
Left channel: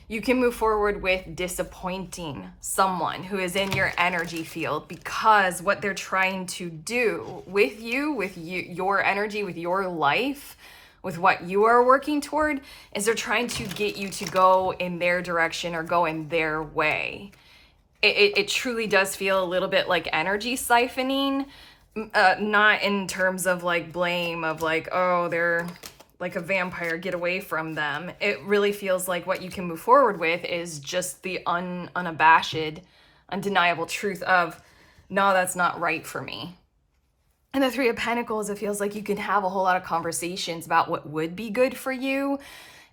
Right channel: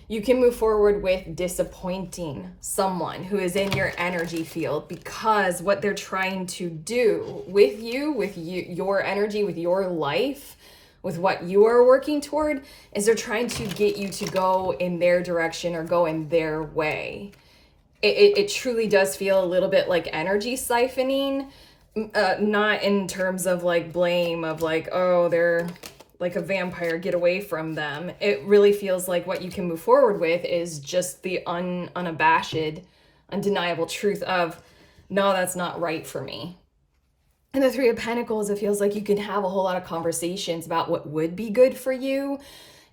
You can move forward with disappointing someone who is in your energy field, because what they're trying to do with you, your energy, with your life, with what you are working toward, is they're trying to get you to go in their direction or go in their way. It truly does feel a little bit like energy siphoning, not in terms of like blame of like, oh, they're like a vampire, get away from them. It really feels like what you can move forward with is just the unabashed, undeniable truth of, no, that's not right for me. And the Three of Pentacles, it feels like you can have a whole lot of conversations about what would be good for you,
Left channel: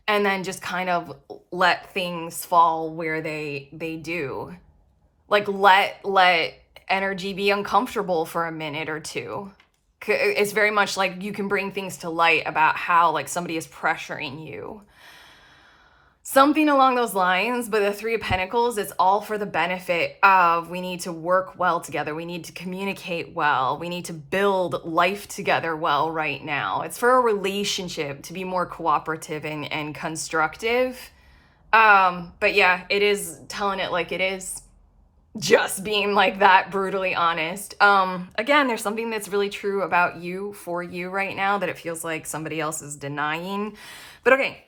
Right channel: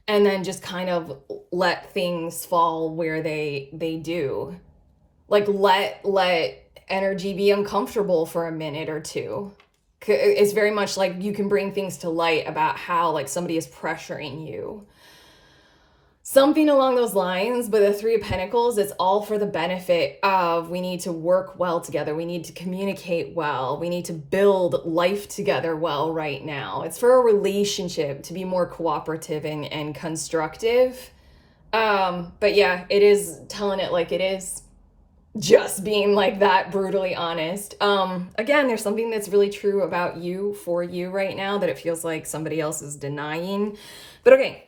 and then just kind of let things fall where they do. Like let energy be uncomfortable for a minute or two. It's very much like you can bring things to light about how like somebody is pressuring you. Something along those lines, but the Three of Pentacles, it's all for the benefit of, we need to work well together. We need to communicate well. We need to build life together well right now. It's for a relationship to be more cooperative and constructive. But yeah, it is telling it like it is. Just being like that brutally honest. Again, there's something that's really true about you, for you right now, that it feels like somebody else is denying. But okay,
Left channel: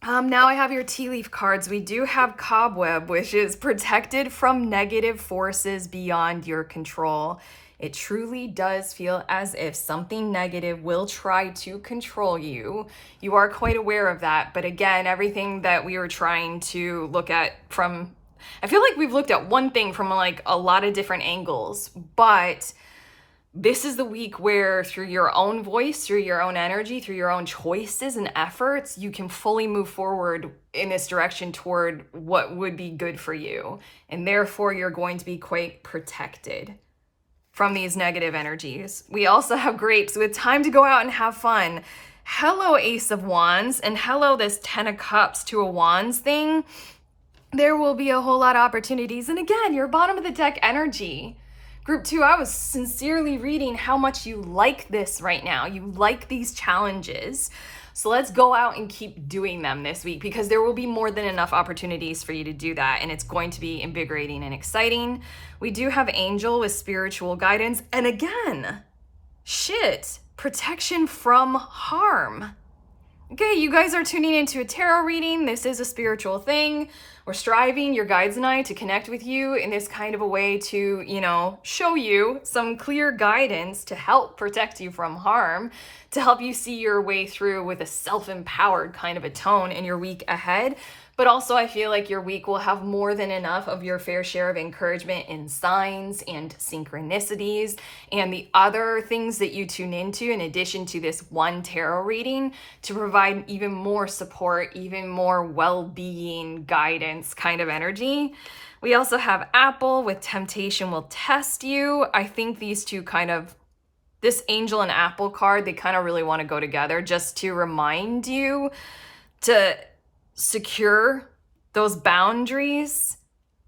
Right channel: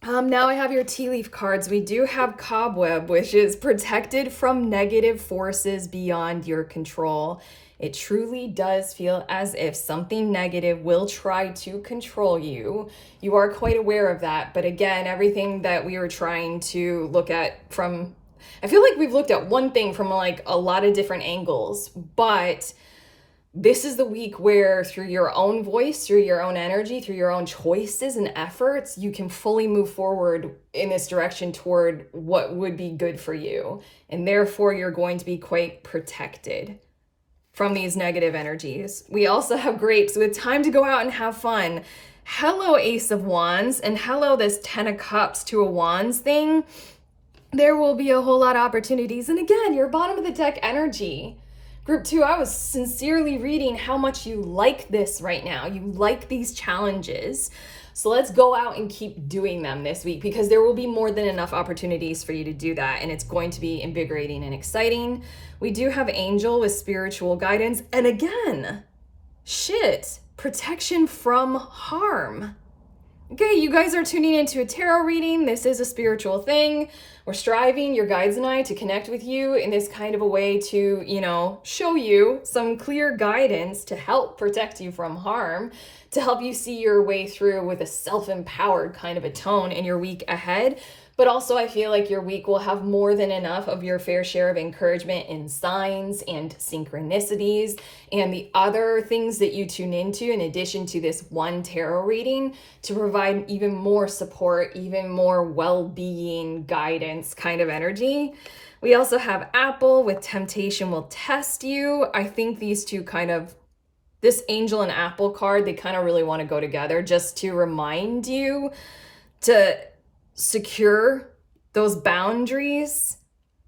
now I have your tea leaf cards. We do have Cobweb, which is protected from negative forces beyond your control. It truly does feel as if something negative will try to control you. You are quite aware of that. But again, everything that we were trying to look at from, I feel like we've looked at one thing from like a lot of different angles, but this is the week where through your own voice, through your own energy, through your own choices and efforts, you can fully move forward in this direction toward what would be good for you. And therefore, you're going to be quite protected from these negative energies. We also have Grapes with time to go out and have fun. Hello, Ace of Wands, and hello, this 10 of Cups, 2 of Wands thing. There will be a whole lot of opportunities. And again, your bottom of the deck energy. Group 2, I was sincerely reading how much you like this right now. You like these challenges. So let's go out and keep doing them this week, because there will be more than enough opportunities for you to do that, and it's going to be invigorating and exciting. We do have Angel with spiritual guidance, and again, protection from harm. Okay, you guys are tuning into a tarot reading. This is a spiritual thing. We're striving, your guides and I, to connect with you in this kind of a way to, show you some clear guidance to help protect you from harm, to help you see your way through with a self-empowered kind of a tone in your week ahead. But also, I feel like your week will have more than enough of your fair share of encouragement in signs and synchronicities and the other things that you tune into in addition to this one tarot reading, to provide even more support, even more well-being, guidance kind of energy. We also have Apple with Temptation Will Test You. I think these two this Angel and Apple card, they kind of really want to go together, just to remind you to secure those boundaries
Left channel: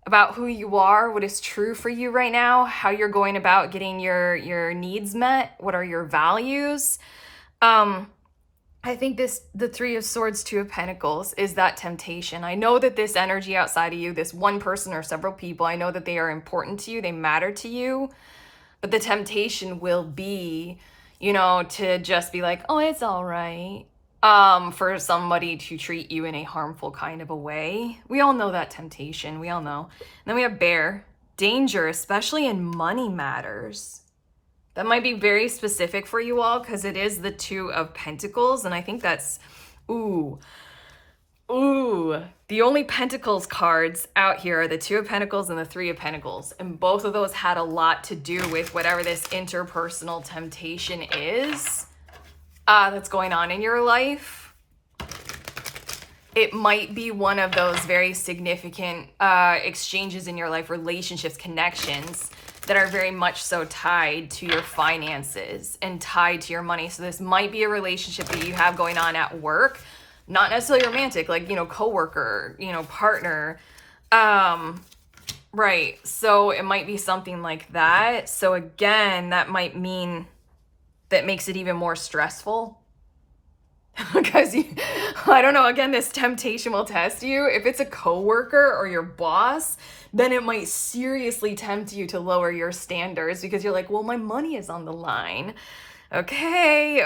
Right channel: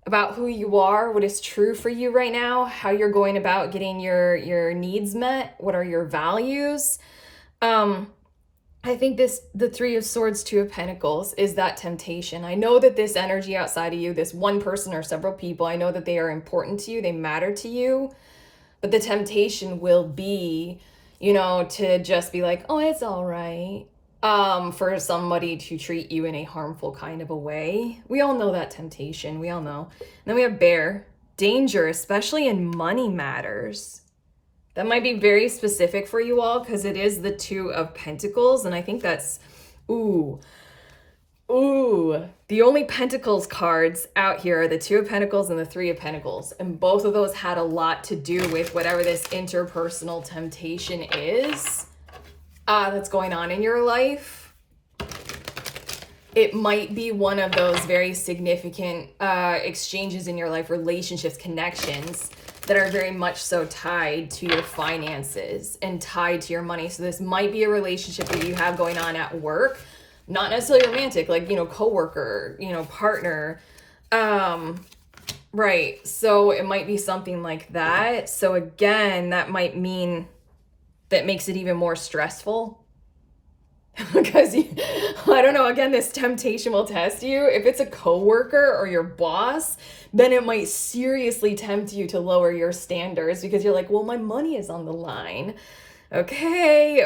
about who you are, what is true for you right now, how you're going about getting your needs met, what are your values. I think the Three of Swords, Two of Pentacles is that temptation. I know that this energy outside of you, this one person or several people, I know that they are important to you, they matter to you, but the temptation will be, to just be like, oh, it's all right. For somebody to treat you in a harmful kind of a way. We all know that temptation. We all know. And then we have Bear. Danger, especially in money matters. That might be very specific for you all, because it is the Two of Pentacles. And I think that's, the only Pentacles cards out here are the Two of Pentacles and the Three of Pentacles. And both of those had a lot to do with whatever this interpersonal temptation is that's going on in your life. It might be one of those very significant exchanges in your life, relationships, connections that are very much so tied to your finances and tied to your money. So this might be a relationship that you have going on at work, not necessarily romantic, like, coworker, partner. Right. So it might be something like that. So again, that might mean that makes it even more stressful, because I don't know, again, this temptation will test you. If it's a coworker or your boss, then it might seriously tempt you to lower your standards, because you're like, well, my money is on the line. Okay.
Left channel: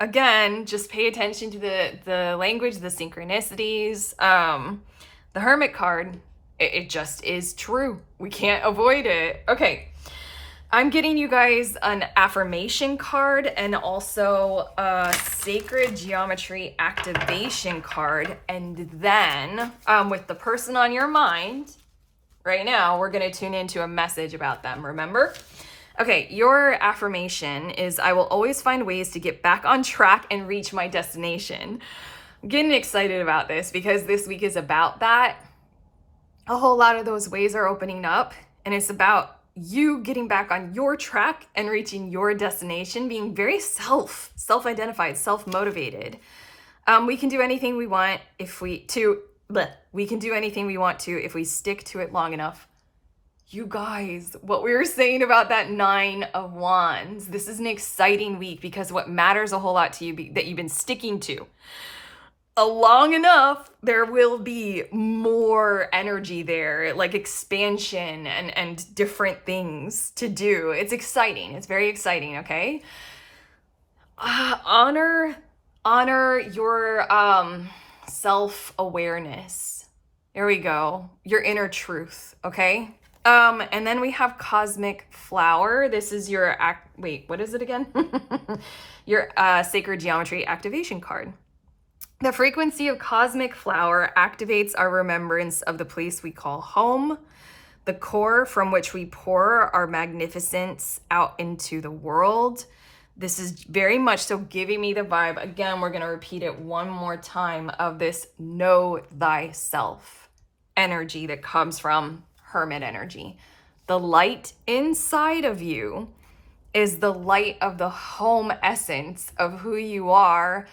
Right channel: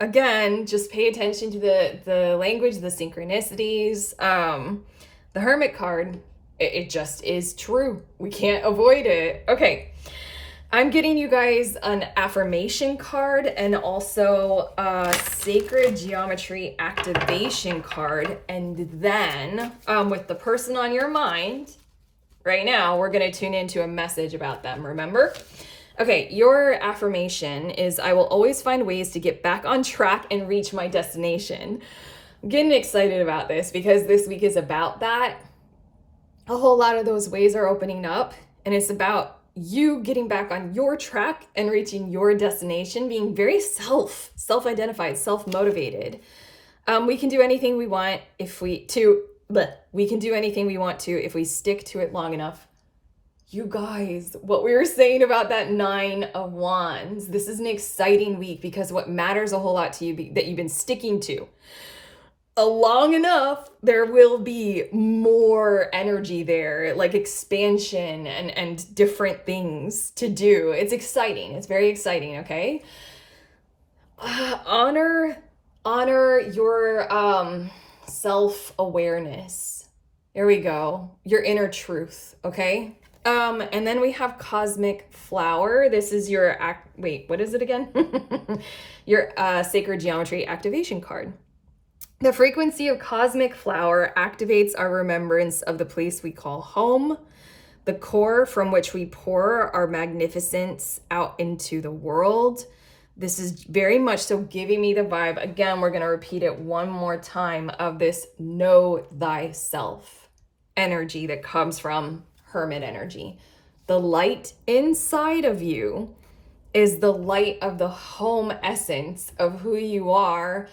Again, just pay attention to the language, the synchronicities. The Hermit card, it just is true. We can't avoid it. Okay. I'm getting you guys an affirmation card and also a sacred geometry activation card. And then with the person on your mind right now, we're going to tune into a message about them. Remember? Okay, your affirmation is, I will always find ways to get back on track and reach my destination. I'm getting excited about this because this week is about that. A whole lot of those ways are opening up, and it's about you getting back on your track and reaching your destination, being very self-identified, self-motivated. We can do anything we want if we can do anything we want to if we stick to it long enough. You guys, what we were saying about that Nine of Wands, this is an exciting week, because what matters a whole lot to you that you've been sticking to long enough, there will be more energy there, like expansion and different things to do. It's exciting. It's very exciting, okay? Honor your self-awareness. There we go. Your inner truth, okay? And then we have Cosmic Flower. This is your what is it again? Your Sacred Geometry activation card. The frequency of Cosmic Flower activates our remembrance of the place we call home, the core from which we pour our magnificence out into the world. This is very much so giving me the vibe, again, we're going to repeat it one more time, of this know thyself energy that comes from Hermit energy. The light inside of you is the light of the home essence of who you are.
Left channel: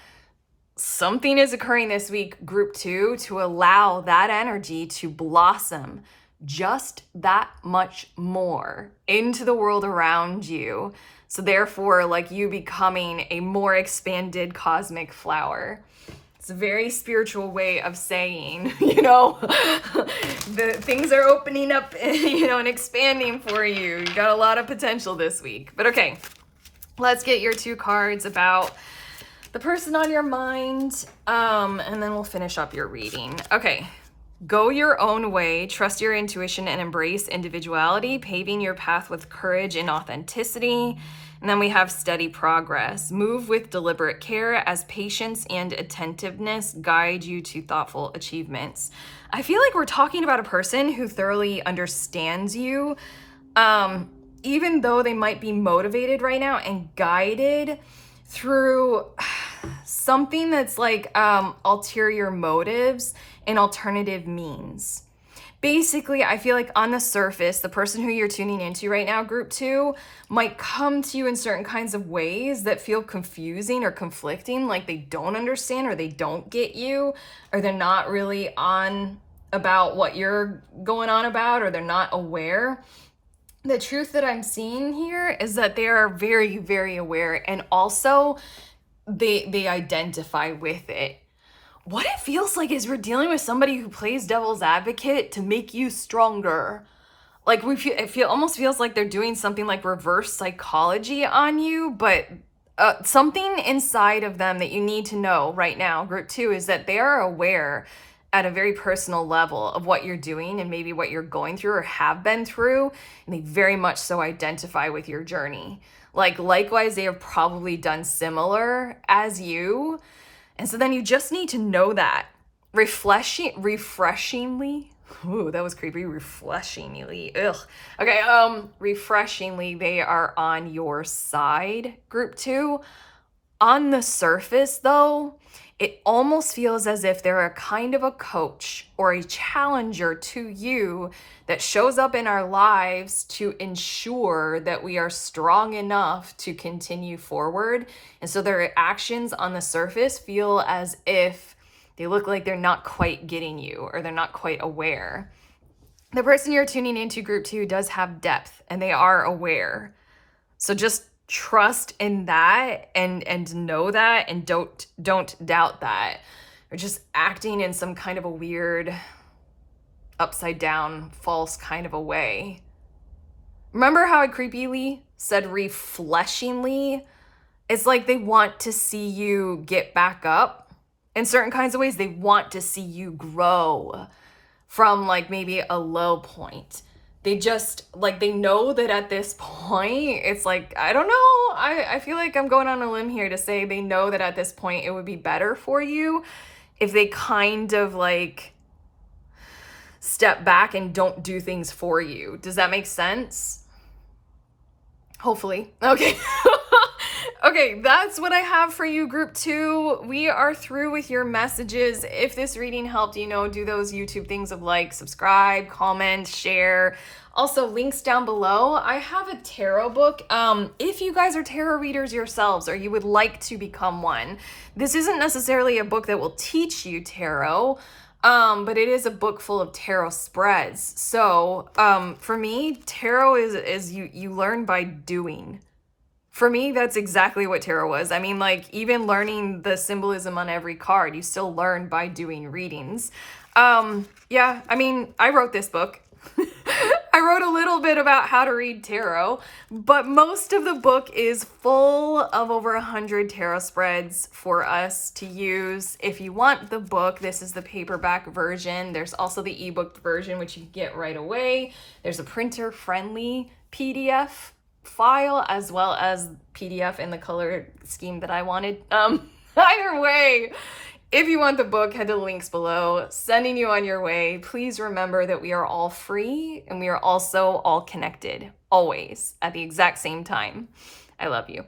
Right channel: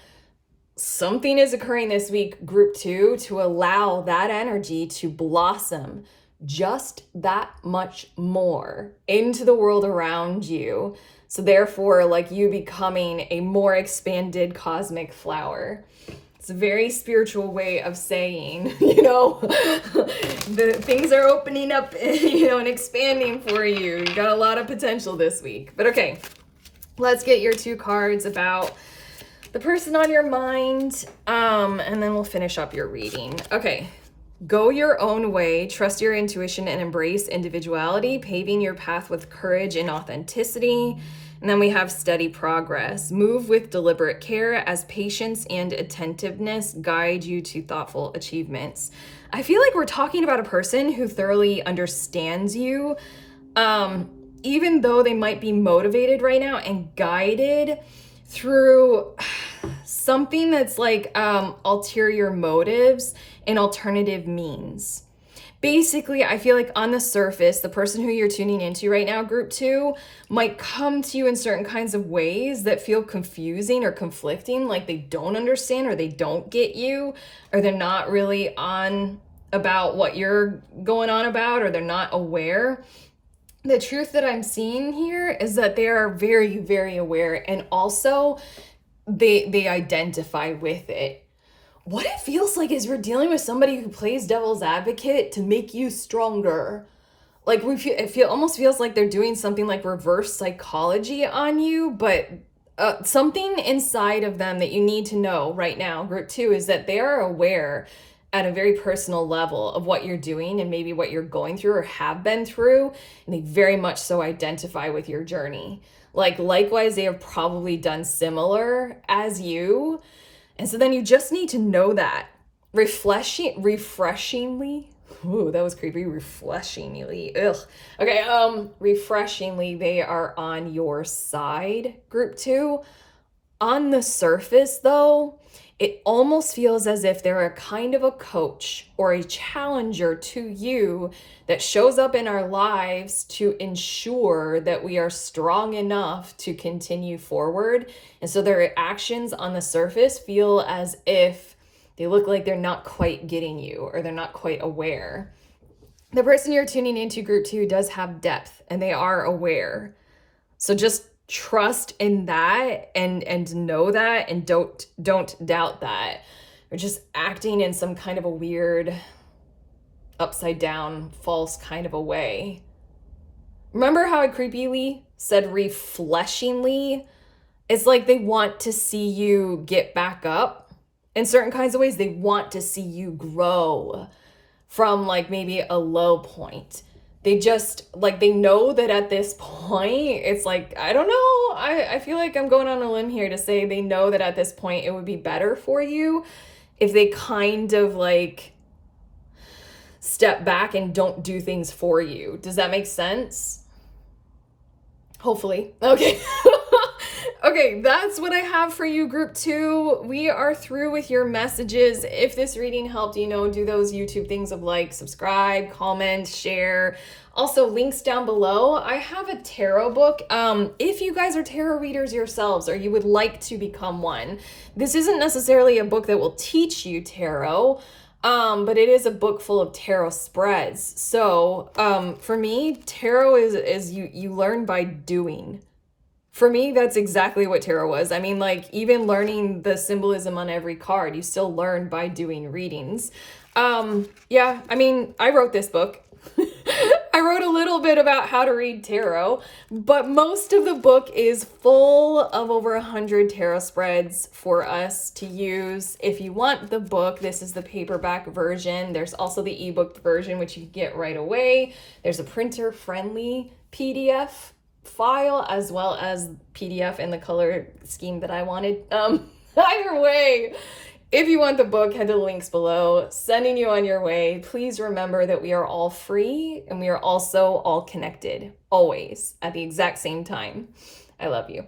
Something is occurring this week, group 2, to allow that energy to blossom, just that much more into the world around you. So therefore, like you becoming a more expanded cosmic flower. It's a very spiritual way of saying, the things are opening up, and expanding for you. You got a lot of potential this week. But okay, let's get your 2 cards about the person on your mind, and then we'll finish up your reading. Okay. Go your own way, trust your intuition, and embrace individuality, paving your path with courage and authenticity. And then we have steady progress. Move with deliberate care as patience and attentiveness guide you to thoughtful achievements. I feel like we're talking about a person who thoroughly understands you, even though they might be motivated right now and guided through something that's like ulterior motives and alternative means. Basically, I feel like on the surface, the person who you're tuning into right now, group 2, might come to you in certain kinds of ways that feel confusing or conflicting, like they don't understand or they don't get you, or they're not really on about what you're going on about, or they're not aware. The truth that I'm seeing here is that they are very, very aware, and also they identify with it. What it feels like is we're dealing with somebody who plays devil's advocate to make you stronger. Like it almost feels like they're doing something like reverse psychology on you, but something inside of them that you need to know right now, group 2, is that they are aware at a very personal level of what you're doing and maybe what you're going through or have been through, and they very much so identify with your journey. Like likewise, they have probably done similar as you. And so then you just need to know that. Refreshingly, ooh, that was creepy. Refreshingly, ugh. Okay, refreshingly, they are on your side, group 2. On the surface, though, it almost feels as if they're a kind of a coach or a challenger to you that shows up in our lives to ensure that we are strong enough to continue forward. And so their actions on the surface feel as if they look like they're not quite getting you or they're not quite aware. The person you're tuning into, group 2, does have depth and they are aware. So just trust in that and know that, and don't doubt that. Or just acting in some kind of a weird upside down false kind of a way. Remember how I creepily said refleshingly? It's like they want to see you get back up in certain kinds of ways. They want to see you grow from like maybe a low point. They just like, they know that at this point, it's like, I don't know. I feel like I'm going on a limb here to say they know that at this point it would be better for you if they kind of like step back and don't do things for you. Does that make sense? Hopefully. Okay. Okay, that's what I have for you, group 2. We are through with your messages. If this reading helped, do those YouTube things of like, subscribe, comment, share. Also, links down below. I have a tarot book. If you guys are tarot readers yourselves or you would like to become one, this isn't necessarily a book that will teach you tarot, but it is a book full of tarot spreads. So for me, tarot is you learn by doing. For me, that's exactly what tarot was. I mean, like, even learning the symbolism on every card, you still learn by doing readings. Yeah, I mean, I wrote this book. I wrote a little bit about how to read tarot, but most of the book is full of over 100 tarot spreads for us to use. If you want the book, this is the paperback version. There's also the ebook version, which you can get right away. There's a printer-friendly PDF file as well as PDF in the color scheme that I wanted. Either way, if you want the book, head to the links below. Sending you on your way. Please remember that we are all free and we are also all connected, always, at the exact same time. I love you.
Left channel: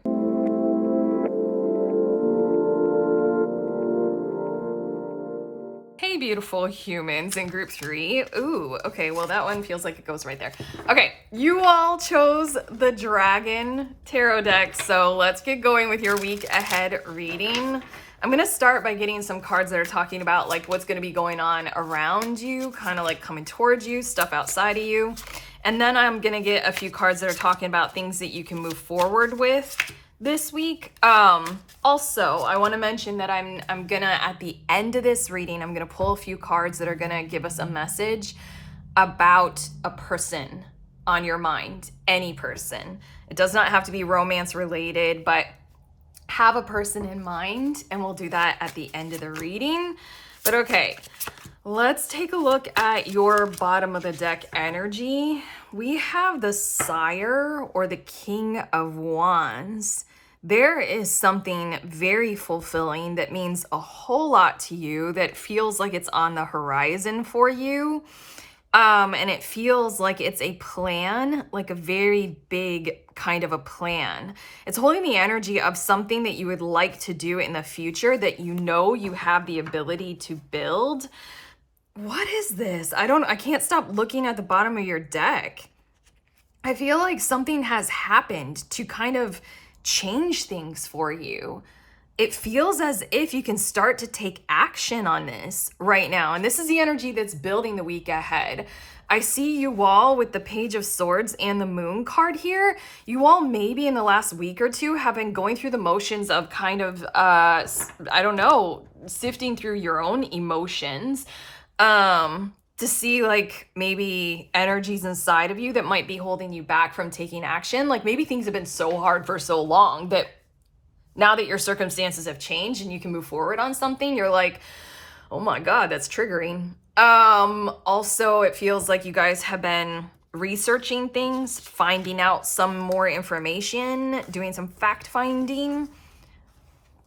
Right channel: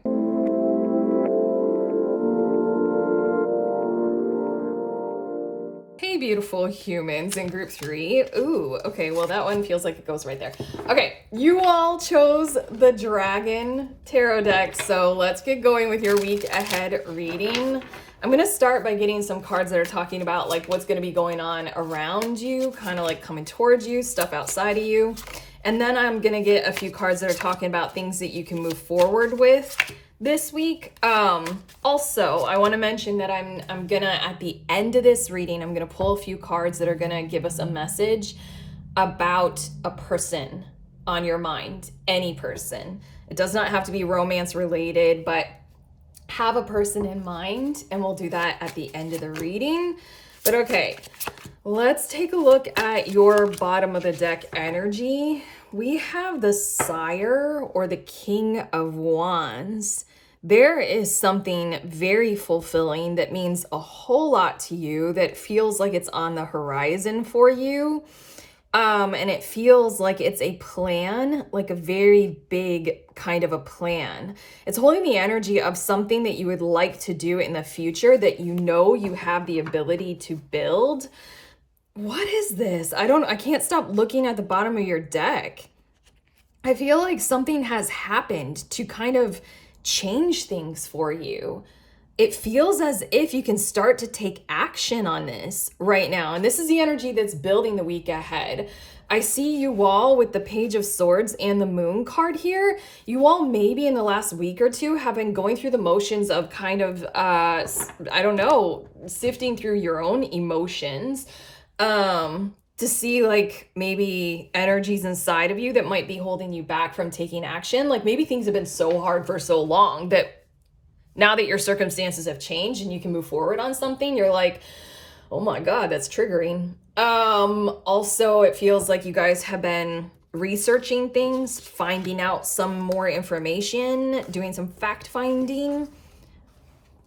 Hey, beautiful humans in group 3. Ooh, okay, well, that one feels like it goes right there. Okay, you all chose the Dragon Tarot deck, so let's get going with your week ahead reading. I'm going to start by getting some cards that are talking about like what's going to be going on around you, kind of like coming towards you, stuff outside of you. And then I'm going to get a few cards that are talking about things that you can move forward with this week. Also, I want to mention that I'm going to, at the end of this reading, I'm going to pull a few cards that are going to give us a message about a person on your mind, any person. It does not have to be romance related, but have a person in mind, and we'll do that at the end of the reading. But okay, let's take a look at your bottom of the deck energy. We have the Sire, or the King of Wands. There is something very fulfilling that means a whole lot to you, that feels like it's on the horizon for you. And it feels like it's a plan, like a very big kind of a plan. It's holding the energy of something that you would like to do in the future that you know you have the ability to build. What is this? I can't stop looking at the bottom of your deck. I feel like something has happened to kind of change things for you. It feels as if you can start to take action on this right now. And this is the energy that's building the week ahead. I see you all with the Page of Swords and the Moon card here. You all maybe in the last week or two have been going through the motions of kind of, I don't know, sifting through your own emotions to see like maybe energies inside of you that might be holding you back from taking action. Like maybe things have been so hard for so long that now that your circumstances have changed and you can move forward on something, you're like, oh my God, that's triggering. Also, it feels like you guys have been researching things, finding out some more information, doing some fact finding.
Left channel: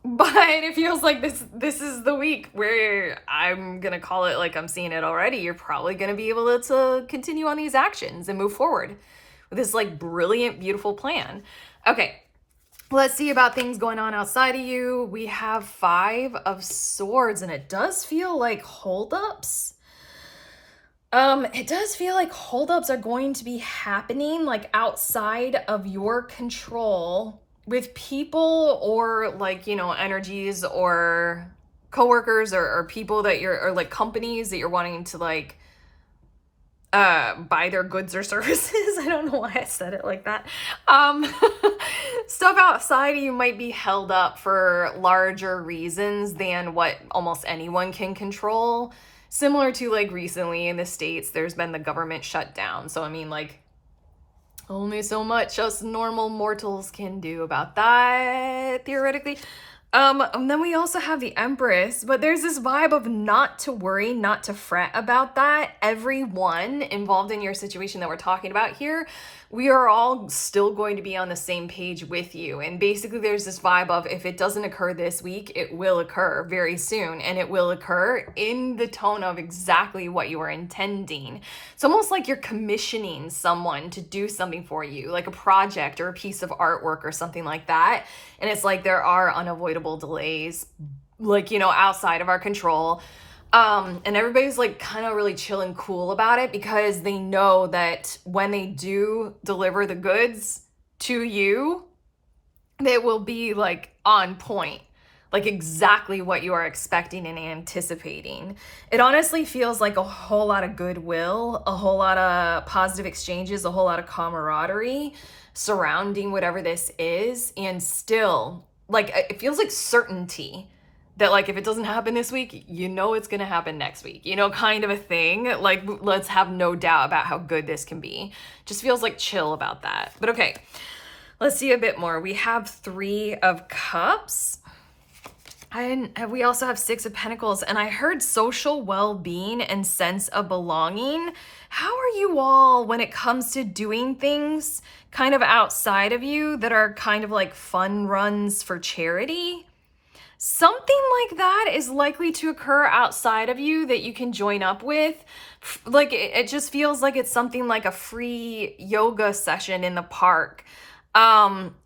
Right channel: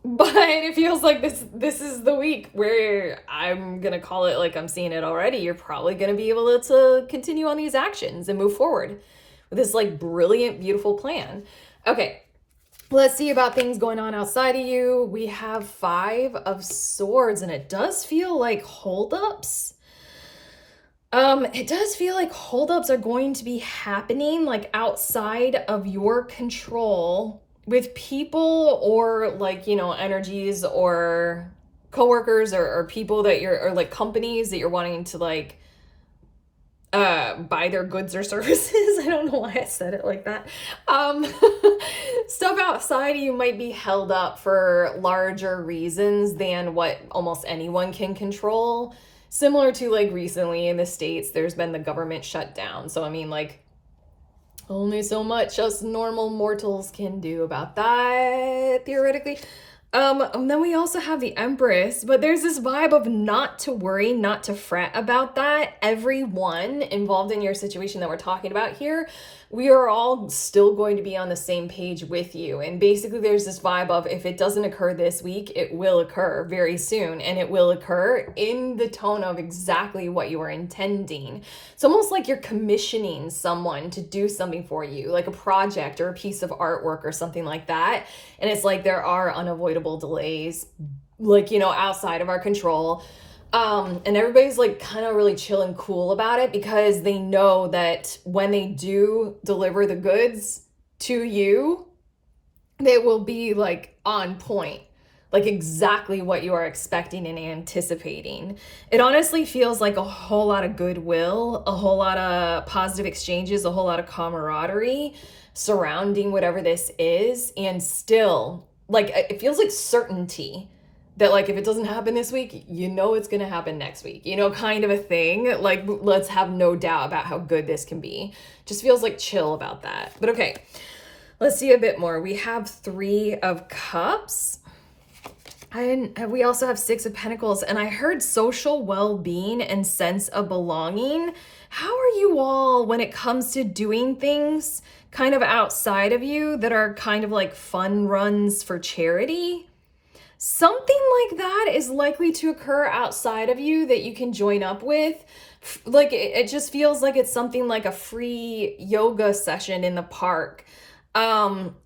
But it feels like this is the week where I'm gonna call it, like I'm seeing it already. You're probably gonna be able to continue on these actions and move forward with this like brilliant, beautiful plan. Okay. Let's see about things going on outside of you. We have 5 of Swords, and it does feel like holdups. It does feel like holdups are going to be happening like outside of your control with people or like, you know, energies or coworkers or people that or like companies that you're wanting to like buy their goods or services. I don't know why I said it like that. Stuff outside of you might be held up for larger reasons than what almost anyone can control. Similar to like recently in the States, there's been the government shutdown. So I mean, like, only so much us normal mortals can do about that, theoretically. And then we also have the Empress, but there's this vibe of not to worry, not to fret about that. Everyone involved in your situation that we're talking about here, we are all still going to be on the same page with you. And basically there's this vibe of if it doesn't occur this week, it will occur very soon, and it will occur in the tone of exactly what you were intending. It's almost like you're commissioning someone to do something for you, like a project or a piece of artwork or something like that. And it's like there are unavoidable delays, like, you know, outside of our control. And everybody's like kind of really chill and cool about it because they know that when they do deliver the goods to you, they will be like on point, like exactly what you are expecting and anticipating. It honestly feels like a whole lot of goodwill, a whole lot of positive exchanges, a whole lot of camaraderie surrounding whatever this is. And still, like, it feels like certainty that like if it doesn't happen this week, you know it's gonna happen next week, you know, kind of a thing. Like, let's have no doubt about how good this can be. Just feels like chill about that. But okay, let's see a bit more. We have 3 of Cups. And we also have 6 of Pentacles, and I heard social well-being and sense of belonging. How are you all when it comes to doing things kind of outside of you that are kind of like fun runs for charity? Something like that is likely to occur outside of you that you can join up with. Like it just feels like it's something like a free yoga session in the park.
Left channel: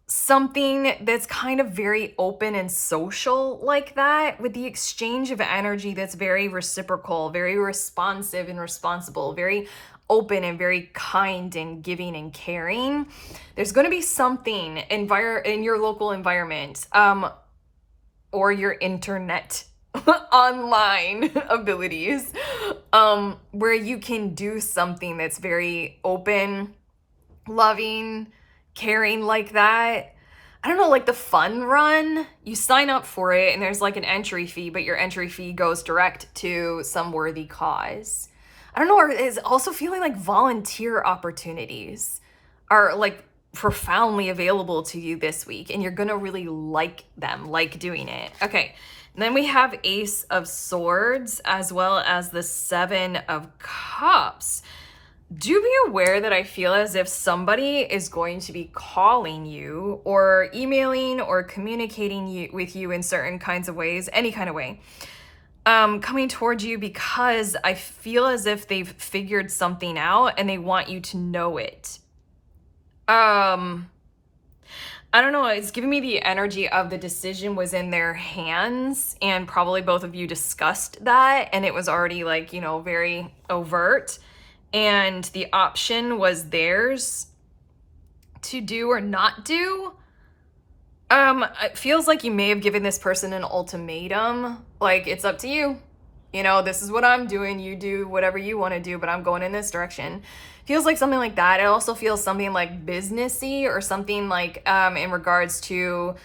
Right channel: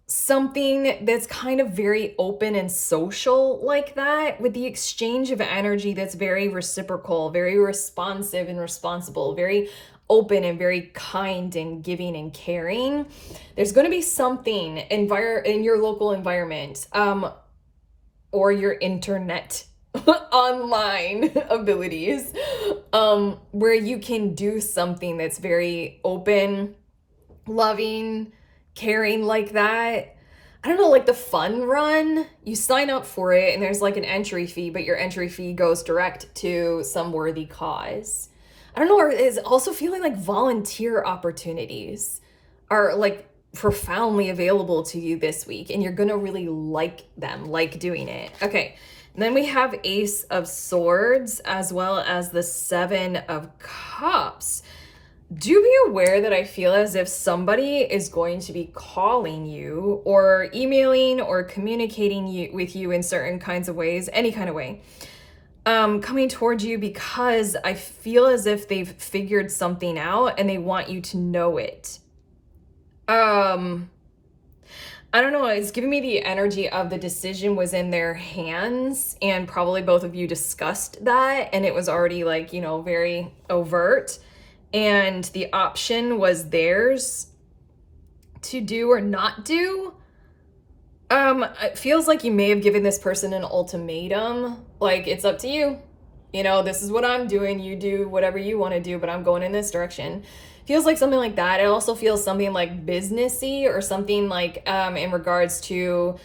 Something that's kind of very open and social like that, with the exchange of energy that's very reciprocal, very responsive and responsible, very open and very kind and giving and caring. There's going to be something in your local environment. or your internet online abilities, where you can do something that's very open, loving, caring like that. I don't know, like the fun run, you sign up for it and there's like an entry fee, but your entry fee goes direct to some worthy cause. I don't know, or is also feeling like volunteer opportunities are like profoundly available to you this week, and you're gonna really like them, like doing it. Okay, and then we have Ace of Swords as well as the Seven of Cups. Do be aware that I feel as if somebody is going to be calling you or emailing or communicating with you in certain kinds of ways, any kind of way, coming towards you, because I feel as if they've figured something out and they want you to know it. I don't know, it's giving me the energy of the decision was in their hands, and probably both of you discussed that, and it was already like, you know, very overt, and the option was theirs to do or not do. It feels like you may have given this person an ultimatum, like, it's up to you. You know, this is what I'm doing. You do whatever you want to do, but I'm going in this direction. Feels like something like that. It also feels something like businessy, or something like in regards to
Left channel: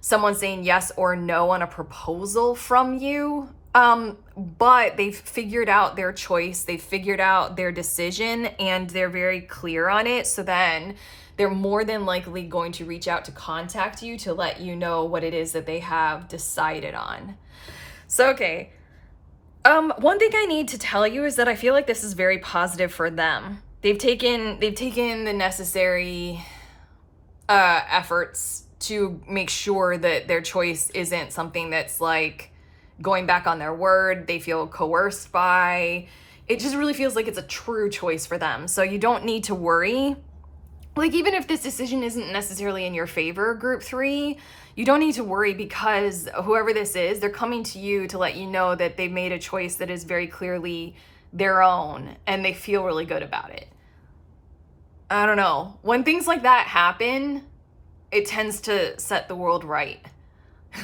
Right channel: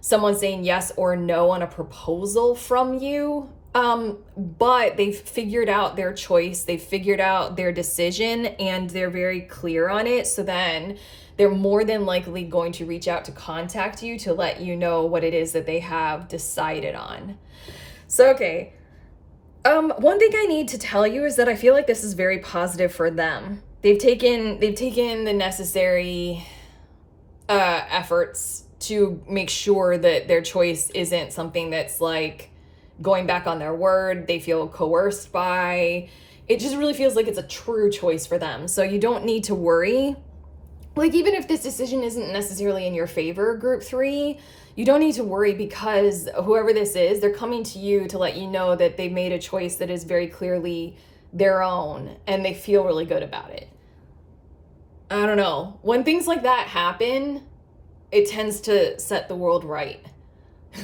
someone saying yes or no on a proposal from you. But they've figured out their choice, they've figured out their decision, and they're very clear on it. So then they're more than likely going to reach out to contact you to let you know what it is that they have decided on. So, okay. One thing I need to tell you is that I feel like this is very positive for them. They've taken the necessary efforts to make sure that their choice isn't something that's like going back on their word, they feel coerced by. It just really feels like it's a true choice for them. So you don't need to worry. Like, even if this decision isn't necessarily in your favor, group 3, you don't need to worry, because whoever this is, they're coming to you to let you know that they've made a choice that is very clearly their own, and they feel really good about it. I don't know. When things like that happen, it tends to set the world right.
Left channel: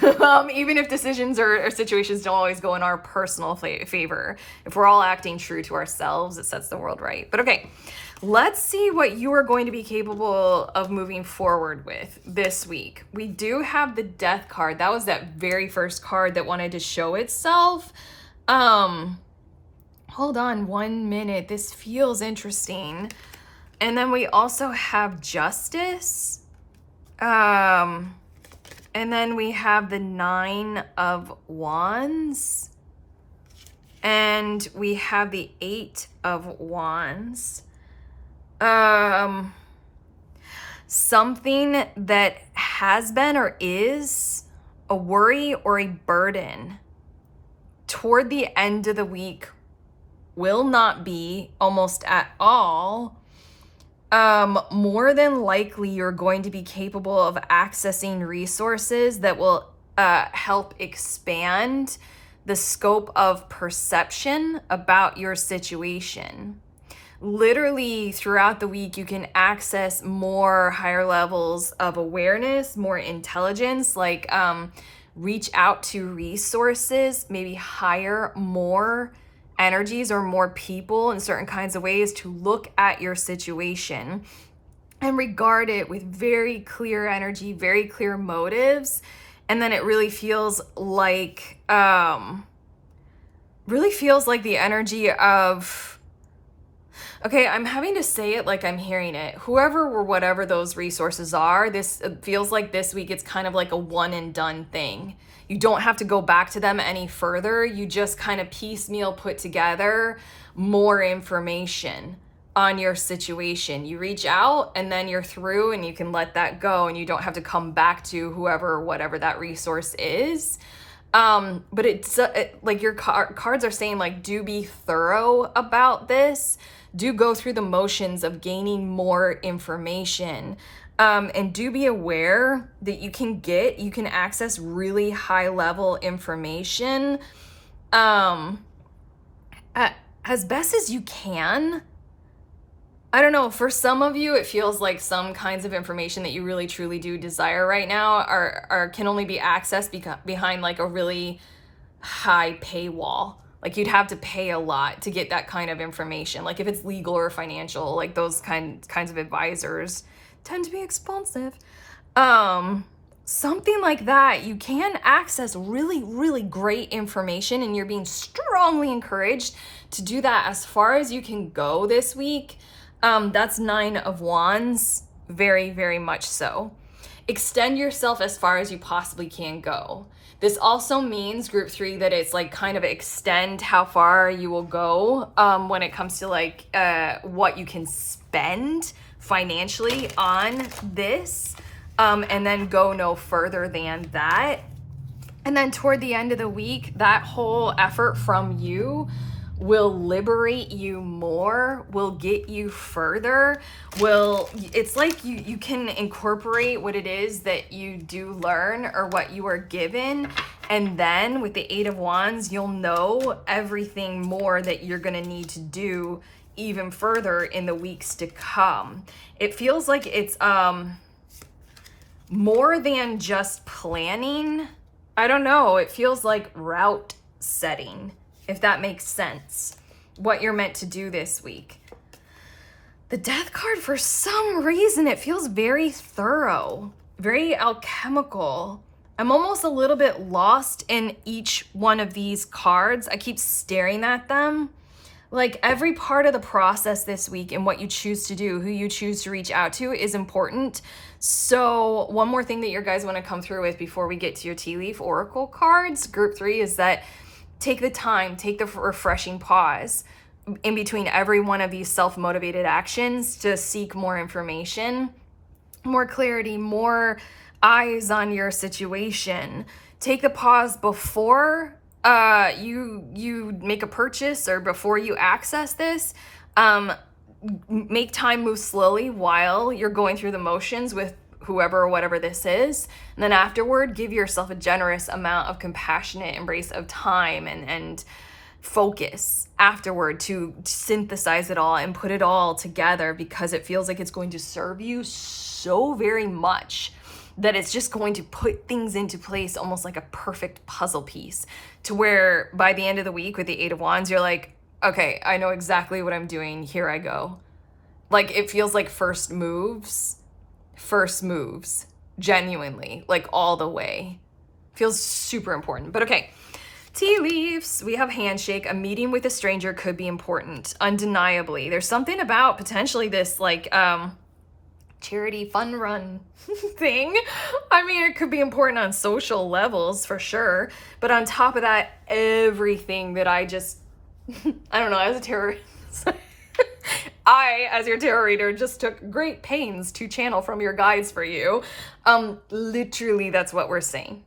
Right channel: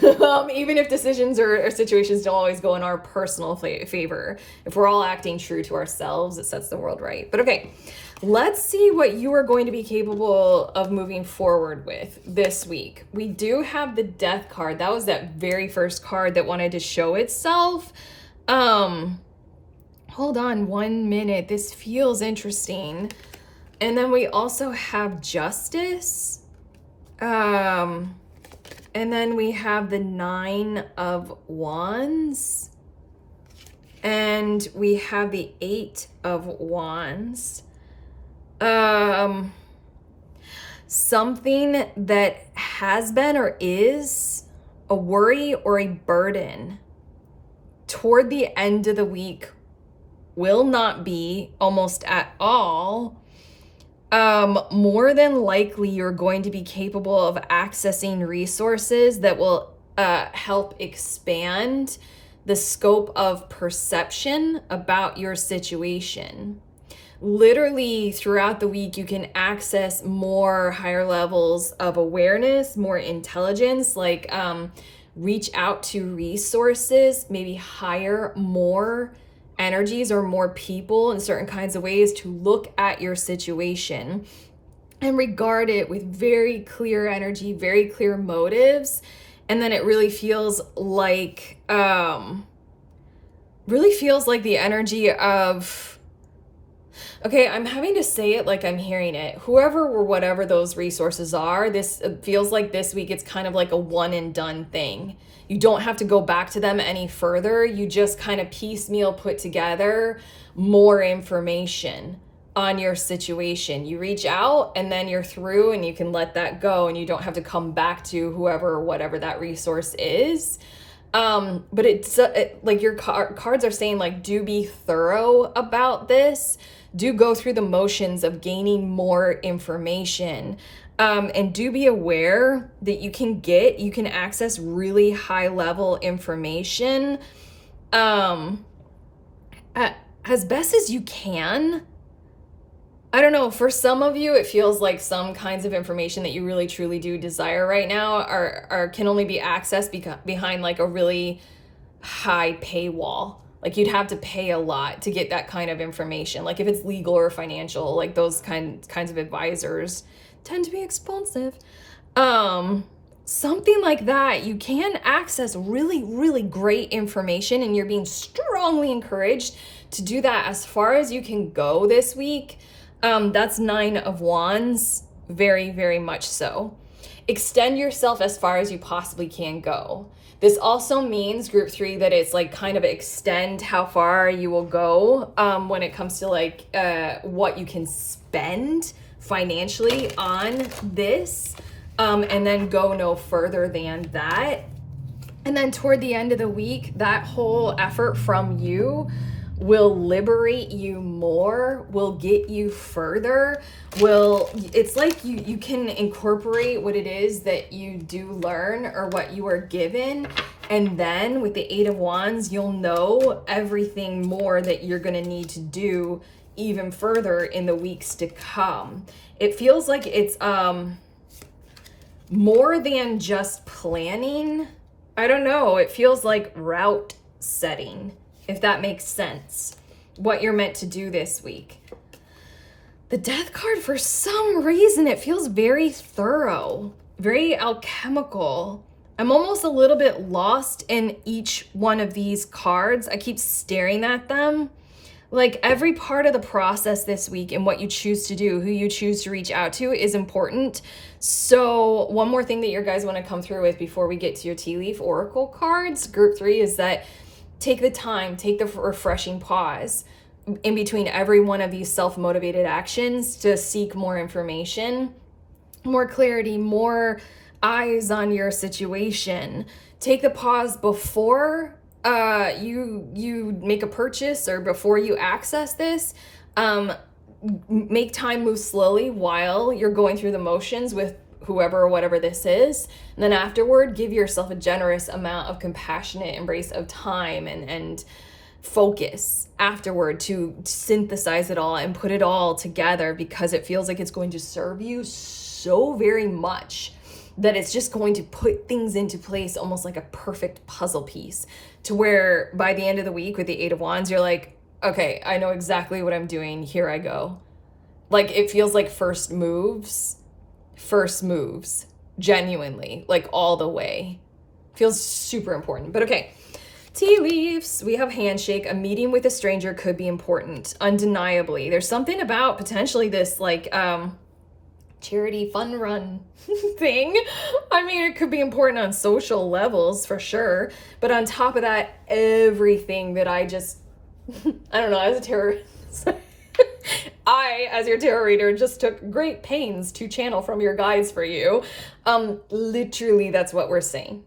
Even if decisions or situations don't always go in our personal favor, if we're all acting true to ourselves, it sets the world right. But okay, let's see what you are going to be capable of moving forward with this week. We do have the Death card. That was that very first card that wanted to show itself. Hold on 1 minute. This feels interesting. And then we also have Justice. And then we have the 9 of Wands. And we have the 8 of Wands. Something that has been or is a worry or a burden toward the end of the week will not be, almost at all. More than likely you're going to be capable of accessing resources that will help expand the scope of perception about your situation. Literally throughout the week, you can access more higher levels of awareness, more intelligence, like reach out to resources, maybe hire more energies or more people in certain kinds of ways to look at your situation and regard it with very clear energy, very clear motives. And then it really feels like the energy of, okay, I'm having to say it like I'm hearing it. Whoever or whatever those resources are, this feels like this week it's kind of like a one and done thing. You don't have to go back to them any further. You just kind of piecemeal put together more information on your situation. You reach out and then you're through, and you can let that go, and you don't have to come back to whoever or whatever that resource is. But it's like your cards are saying, like, do be thorough about this. Do go through the motions of gaining more information. And do be aware that you can access really high level information as best as you can. I don't know, for some of you, it feels like some kinds of information that you really truly do desire right now are can only be accessed behind like a really high paywall. Like you'd have to pay a lot to get that kind of information. Like if it's legal or financial, like those kinds of advisors tend to be expensive. Something like that, you can access really, really great information, and you're being strongly encouraged to do that as far as you can go this week. That's 9 of Wands, very, very much so. Extend yourself as far as you possibly can go. This also means, group 3, that it's like kind of extend how far you will go when it comes to like what you can spend financially on this, and then go no further than that. And then toward the end of the week, that whole effort from you will liberate you more, will get you further, it's like you can incorporate what it is that you do learn or what you are given, and then with the 8 of Wands, you'll know everything more that you're gonna need to do even further in the weeks to come. It feels like it's more than just planning. I don't know, it feels like route setting, if that makes sense, what you're meant to do this week. The Death card, for some reason, it feels very thorough, very alchemical. I'm almost a little bit lost in each one of these cards. I keep staring at them. Like every part of the process this week and what you choose to do, who you choose to reach out to is important. So one more thing that your guys want to come through with before we get to your tea leaf oracle cards, group 3, is that take the time, take the refreshing pause in between every one of these self-motivated actions to seek more information, more clarity, more eyes on your situation. Take the pause before you make a purchase or before you access this. Make time move slowly while you're going through the motions with whoever or whatever this is. And then afterward, give yourself a generous amount of compassionate embrace of time and focus afterward to synthesize it all and put it all together, because it feels like it's going to serve you so very much that it's just going to put things into place almost like a perfect puzzle piece, to where by the end of the week with the 8 of Wands, you're like, okay, I know exactly what I'm doing. Here I go. Like it feels like first moves, genuinely, like all the way. Feels super important. But okay, tea leaves. We have handshake. A meeting with a stranger could be important, undeniably. There's something about potentially this like charity fun run thing. I mean, it could be important on social levels for sure, but on top of that, everything that I just I don't know, as a tarot I, as your tarot reader, just took great pains to channel from your guides for you. Literally, that's what we're saying.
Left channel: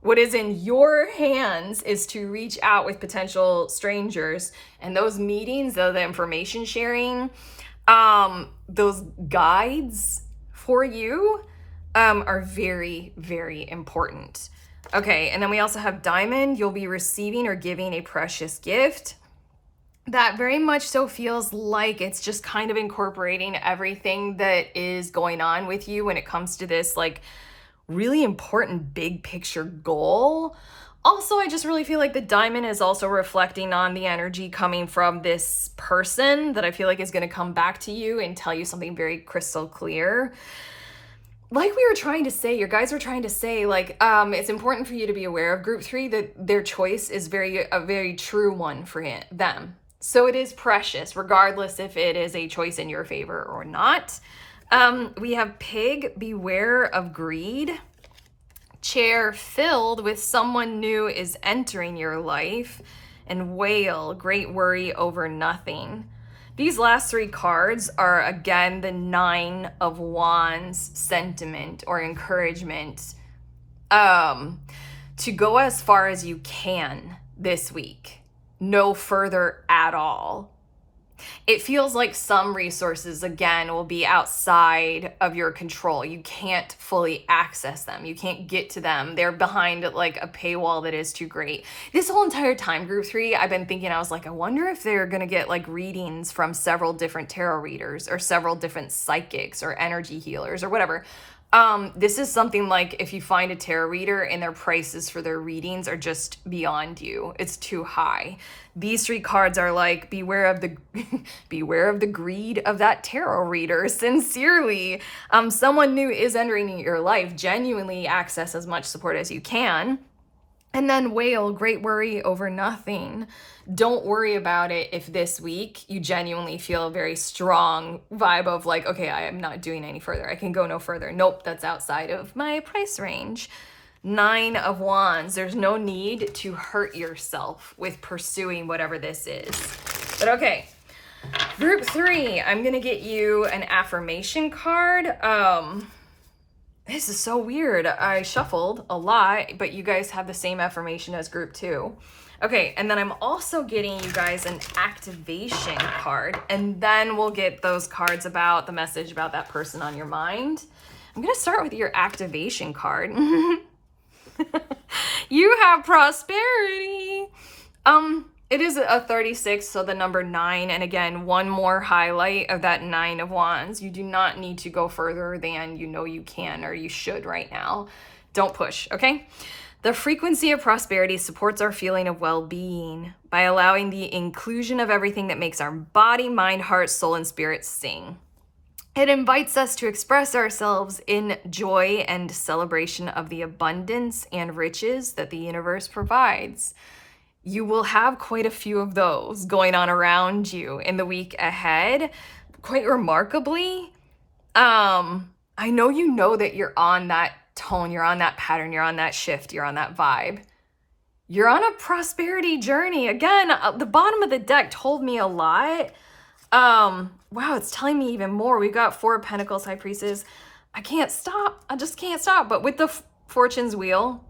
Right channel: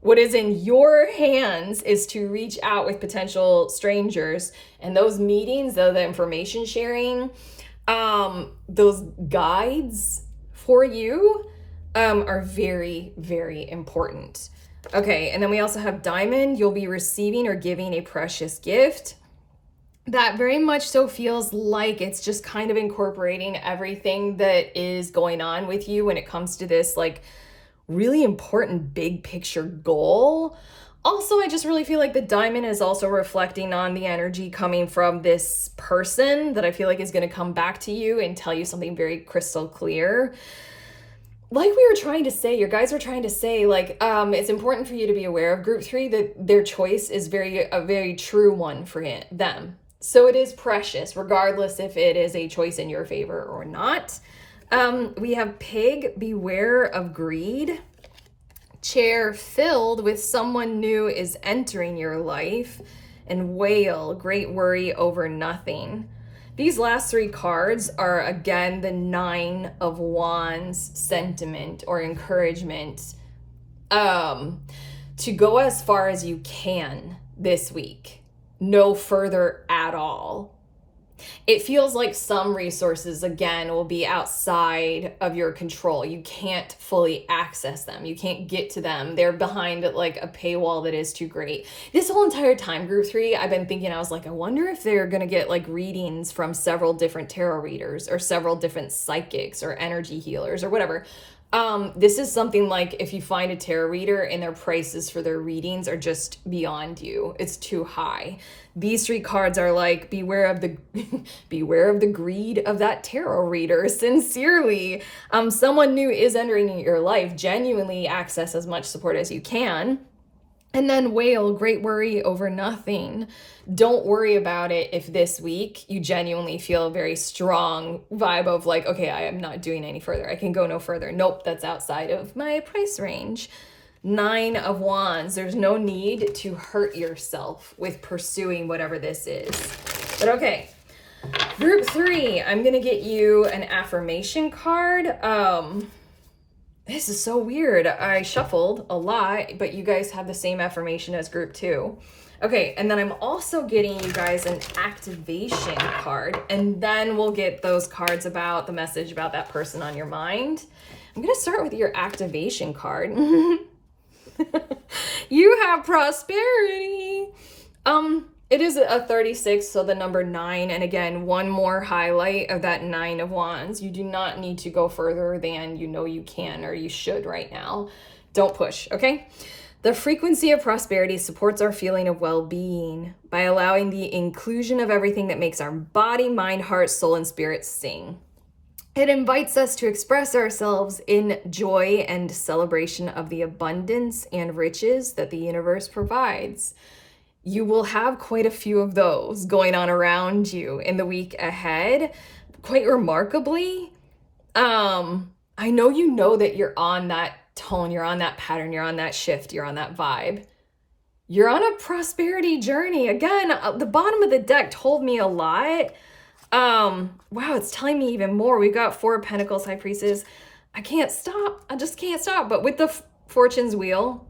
What is in your hands is to reach out with potential strangers, and those meetings, the information sharing, those guides for you are very, very important. Okay, and then we also have Diamond. You'll be receiving or giving a precious gift. That very much so feels like it's just kind of incorporating everything that is going on with you when it comes to this like really important big picture goal. Also, I just really feel like the Diamond is also reflecting on the energy coming from this person that I feel like is going to come back to you and tell you something very crystal clear. Like we were trying to say, your guys were trying to say, like, it's important for you to be aware of group 3 that their choice is a very true one for them. So it is precious, regardless if it is a choice in your favor or not. We have Pig, beware of greed. Chair, filled with someone new is entering your life. And Whale, great worry over nothing. These last 3 cards are, again, the 9 of Wands sentiment or encouragement to go as far as you can this week. No further at all. It feels like some resources, again, will be outside of your control. You can't fully access them. You can't get to them. They're behind like a paywall that is too great. This whole entire time, group 3, I've been thinking, I was like, I wonder if they're going to get like readings from several different tarot readers or several different psychics or energy healers or whatever. This is something like if you find a tarot reader and their prices for their readings are just beyond you, it's too high. These 3 cards are like, beware of the beware of the greed of that tarot reader. Sincerely, someone new is entering your life. Genuinely access as much support as you can. And then whale, great worry over nothing. Don't worry about it if this week you genuinely feel a very strong vibe of like, okay, I am not doing any further. I can go no further. Nope, that's outside of my price range. 9 of Wands. There's no need to hurt yourself with pursuing whatever this is. But okay, group 3, I'm going to get you an affirmation card. This is so weird. I shuffled a lot, but you guys have the same affirmation as group 2. Okay, and then I'm also getting you guys an activation card, and then we'll get those cards about the message about that person on your mind. I'm going to start with your activation card. You have prosperity. It is a 36, so the number 9. And again, one more highlight of that 9 of Wands. You do not need to go further than you know you can or you should right now. Don't push, okay? The frequency of prosperity supports our feeling of well-being by allowing the inclusion of everything that makes our body, mind, heart, soul, and spirit sing. It invites us to express ourselves in joy and celebration of the abundance and riches that the universe provides. You will have quite a few of those going on around you in the week ahead. Quite remarkably, I know you know that you're on that tone, you're on that pattern, you're on that shift, you're on that vibe. You're on a prosperity journey. Again, the bottom of the deck told me a lot. Wow, it's telling me even more. We've got 4 of Pentacles, High Priestess. I can't stop. I just can't stop. But with the Fortune's Wheel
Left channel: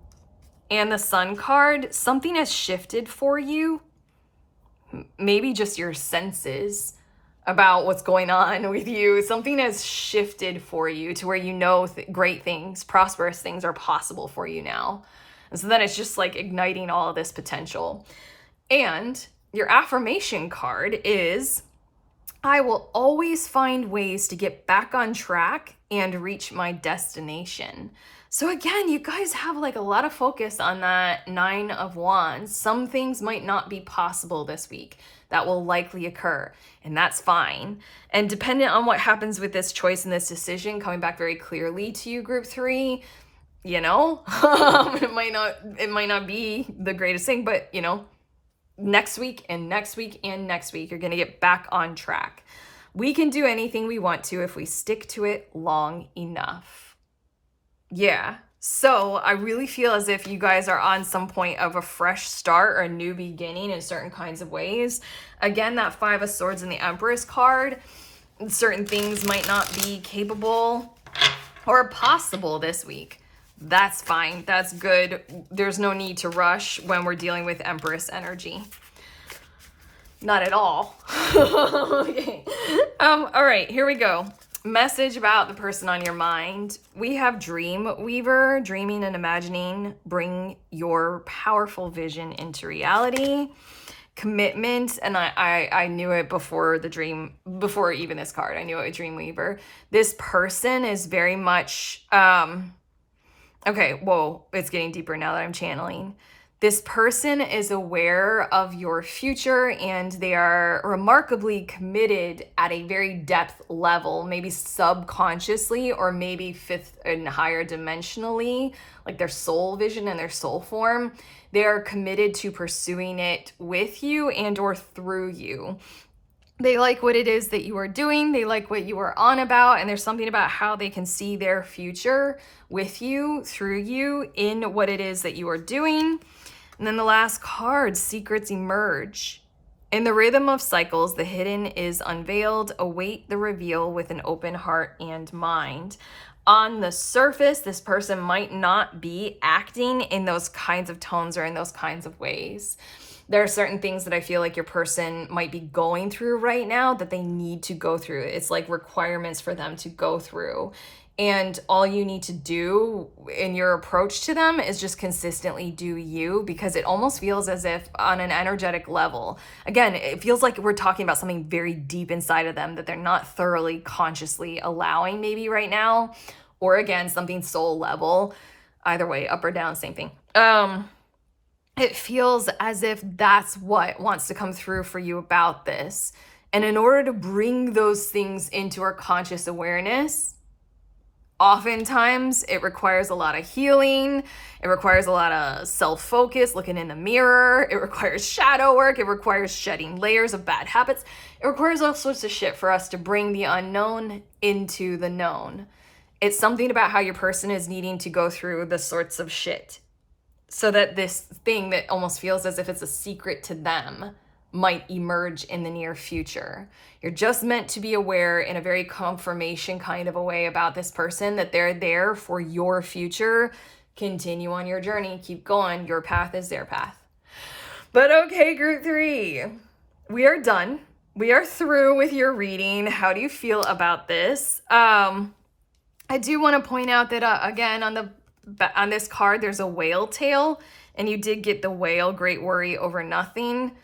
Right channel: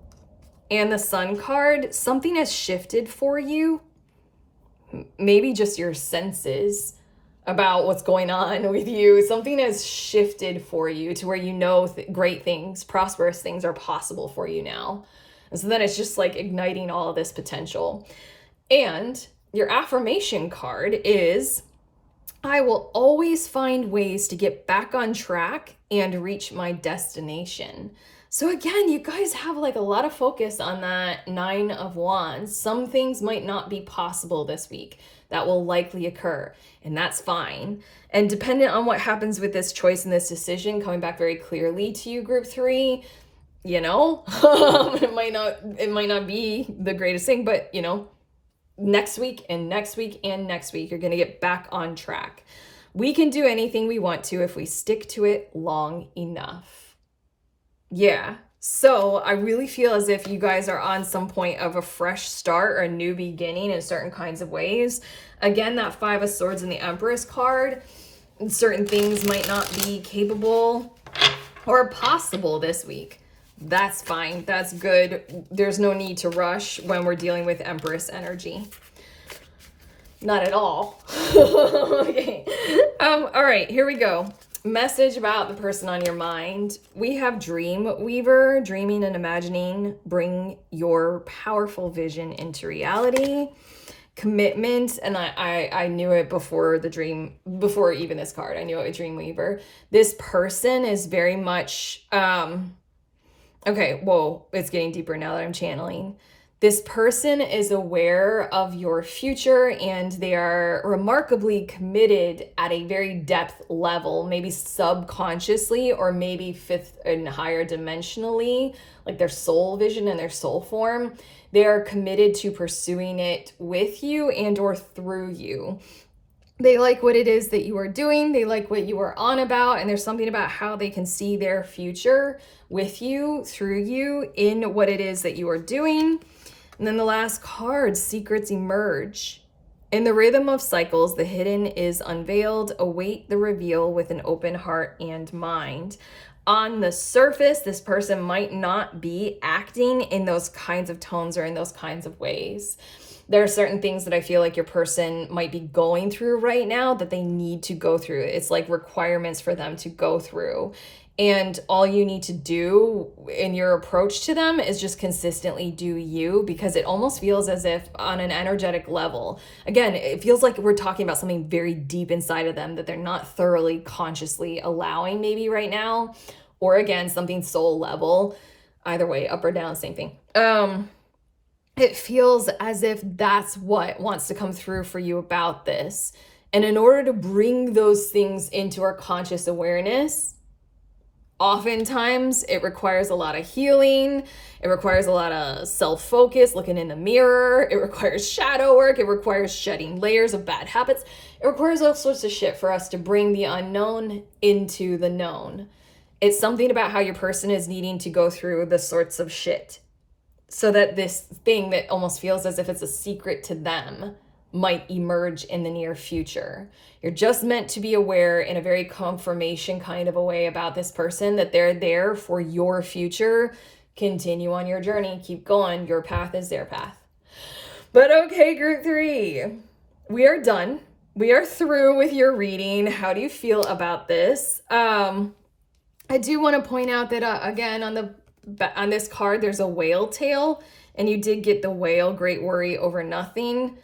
and the Sun card, something has shifted for you. Maybe just your senses about what's going on with you. Something has shifted for you to where you know great things, prosperous things are possible for you now. And so then it's just like igniting all of this potential. And your affirmation card is, I will always find ways to get back on track and reach my destination. So again, you guys have like a lot of focus on that 9 of Wands. Some things might not be possible this week. That will likely occur, and that's fine. And dependent on what happens with this choice and this decision coming back very clearly to you, group 3, you know, it might not be the greatest thing, but you know, next week and next week and next week, you're going to get back on track. We can do anything we want to if we stick to it long enough. Yeah. So I really feel as if you guys are on some point of a fresh start or a new beginning in certain kinds of ways. Again, that 5 of Swords and the Empress card, certain things might not be capable or possible this week. That's fine. That's good. There's no need to rush when we're dealing with Empress energy. Not at all. Okay. All right, here we go. Message about the person on your mind. We have Dream Weaver, dreaming and imagining. Bring your powerful vision into reality. Commitment, and I knew it before even this card. I knew it with Dream Weaver. This person is very much, okay, whoa, it's getting deeper now that I'm channeling. This person is aware of your future and they are remarkably committed at a very depth level, maybe subconsciously or maybe 5th and higher dimensionally, like their soul vision and their soul form. They are committed to pursuing it with you and or through you. They like what it is that you are doing. They like what you are on about. And there's something about how they can see their future with you, through you, in what it is that you are doing. And then the last card, secrets emerge. In the rhythm of cycles, the hidden is unveiled. Await the reveal with an open heart and mind. On the surface, this person might not be acting in those kinds of tones or in those kinds of ways. There are certain things that I feel like your person might be going through right now that they need to go through. It's like requirements for them to go through. And all you need to do in your approach to them is just consistently do you, because it almost feels as if on an energetic level, again, it feels like we're talking about something very deep inside of them that they're not thoroughly consciously allowing maybe right now, or again, something soul level. Either way, up or down, same thing. It feels as if that's what wants to come through for you about this. And in order to bring those things into our conscious awareness, oftentimes it requires a lot of healing. It requires a lot of self-focus, looking in the mirror. It requires shadow work. It requires shedding layers of bad habits. It requires all sorts of shit for us to bring the unknown into the known. It's something about how your person is needing to go through the sorts of shit so that this thing that almost feels as if it's a secret to them might emerge in the near future. You're just meant to be aware in a very confirmation kind of a way about this person, that they're there for your future. Continue on your journey, keep going. Your path is their path. But okay, group 3, we are done. We are through with your reading. How do you feel about this? I do want to point out that again, on this card, there's a whale tail, and you did get the whale, great worry over nothing.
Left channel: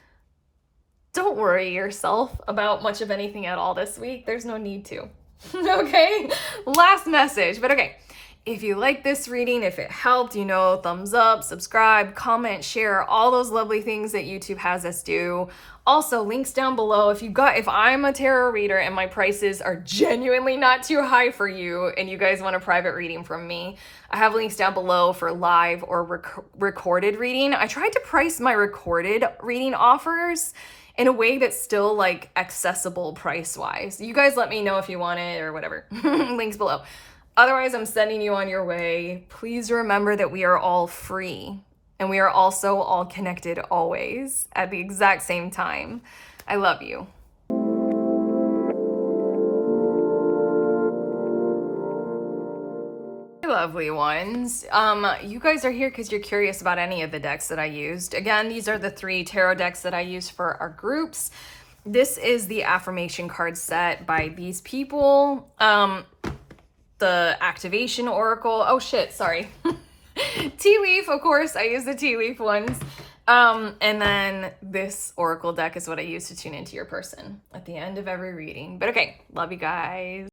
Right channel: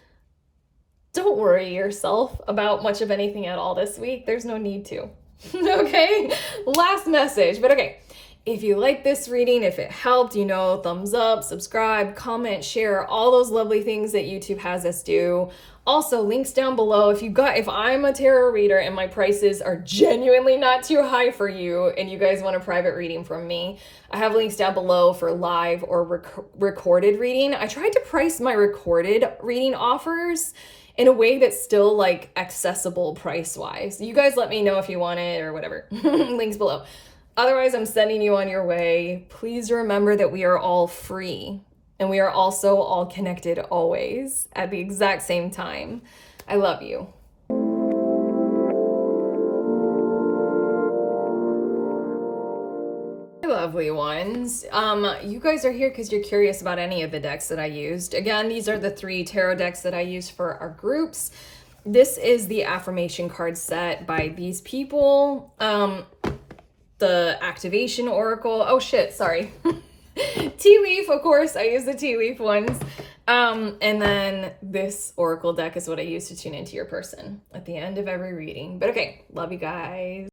Don't worry yourself about much of anything at all this week. There's no need to. Okay? Last message. But okay, if you like this reading, if it helped, thumbs up, subscribe, comment, share, all those lovely things that YouTube has us do. Also, links down below. If I'm a tarot reader and my prices are genuinely not too high for you and you guys want a private reading from me, I have links down below for live or recorded reading. I tried to price my recorded reading offers in a way that's still like accessible price-wise. You guys let me know if you want it or whatever. Links below. Otherwise, I'm sending you on your way. Please remember that we are all free, and we are also all connected always at the exact same time. I love you. Lovely ones. You guys are here because you're curious about any of the decks that I used. Again, these are the 3 tarot decks that I use for our groups. This is the affirmation card set by these people. The activation oracle. Oh shit, sorry. Tea leaf, of course. I use the tea leaf ones. And then this oracle deck is what I use to tune into your person at the end of every reading. But okay, love you guys.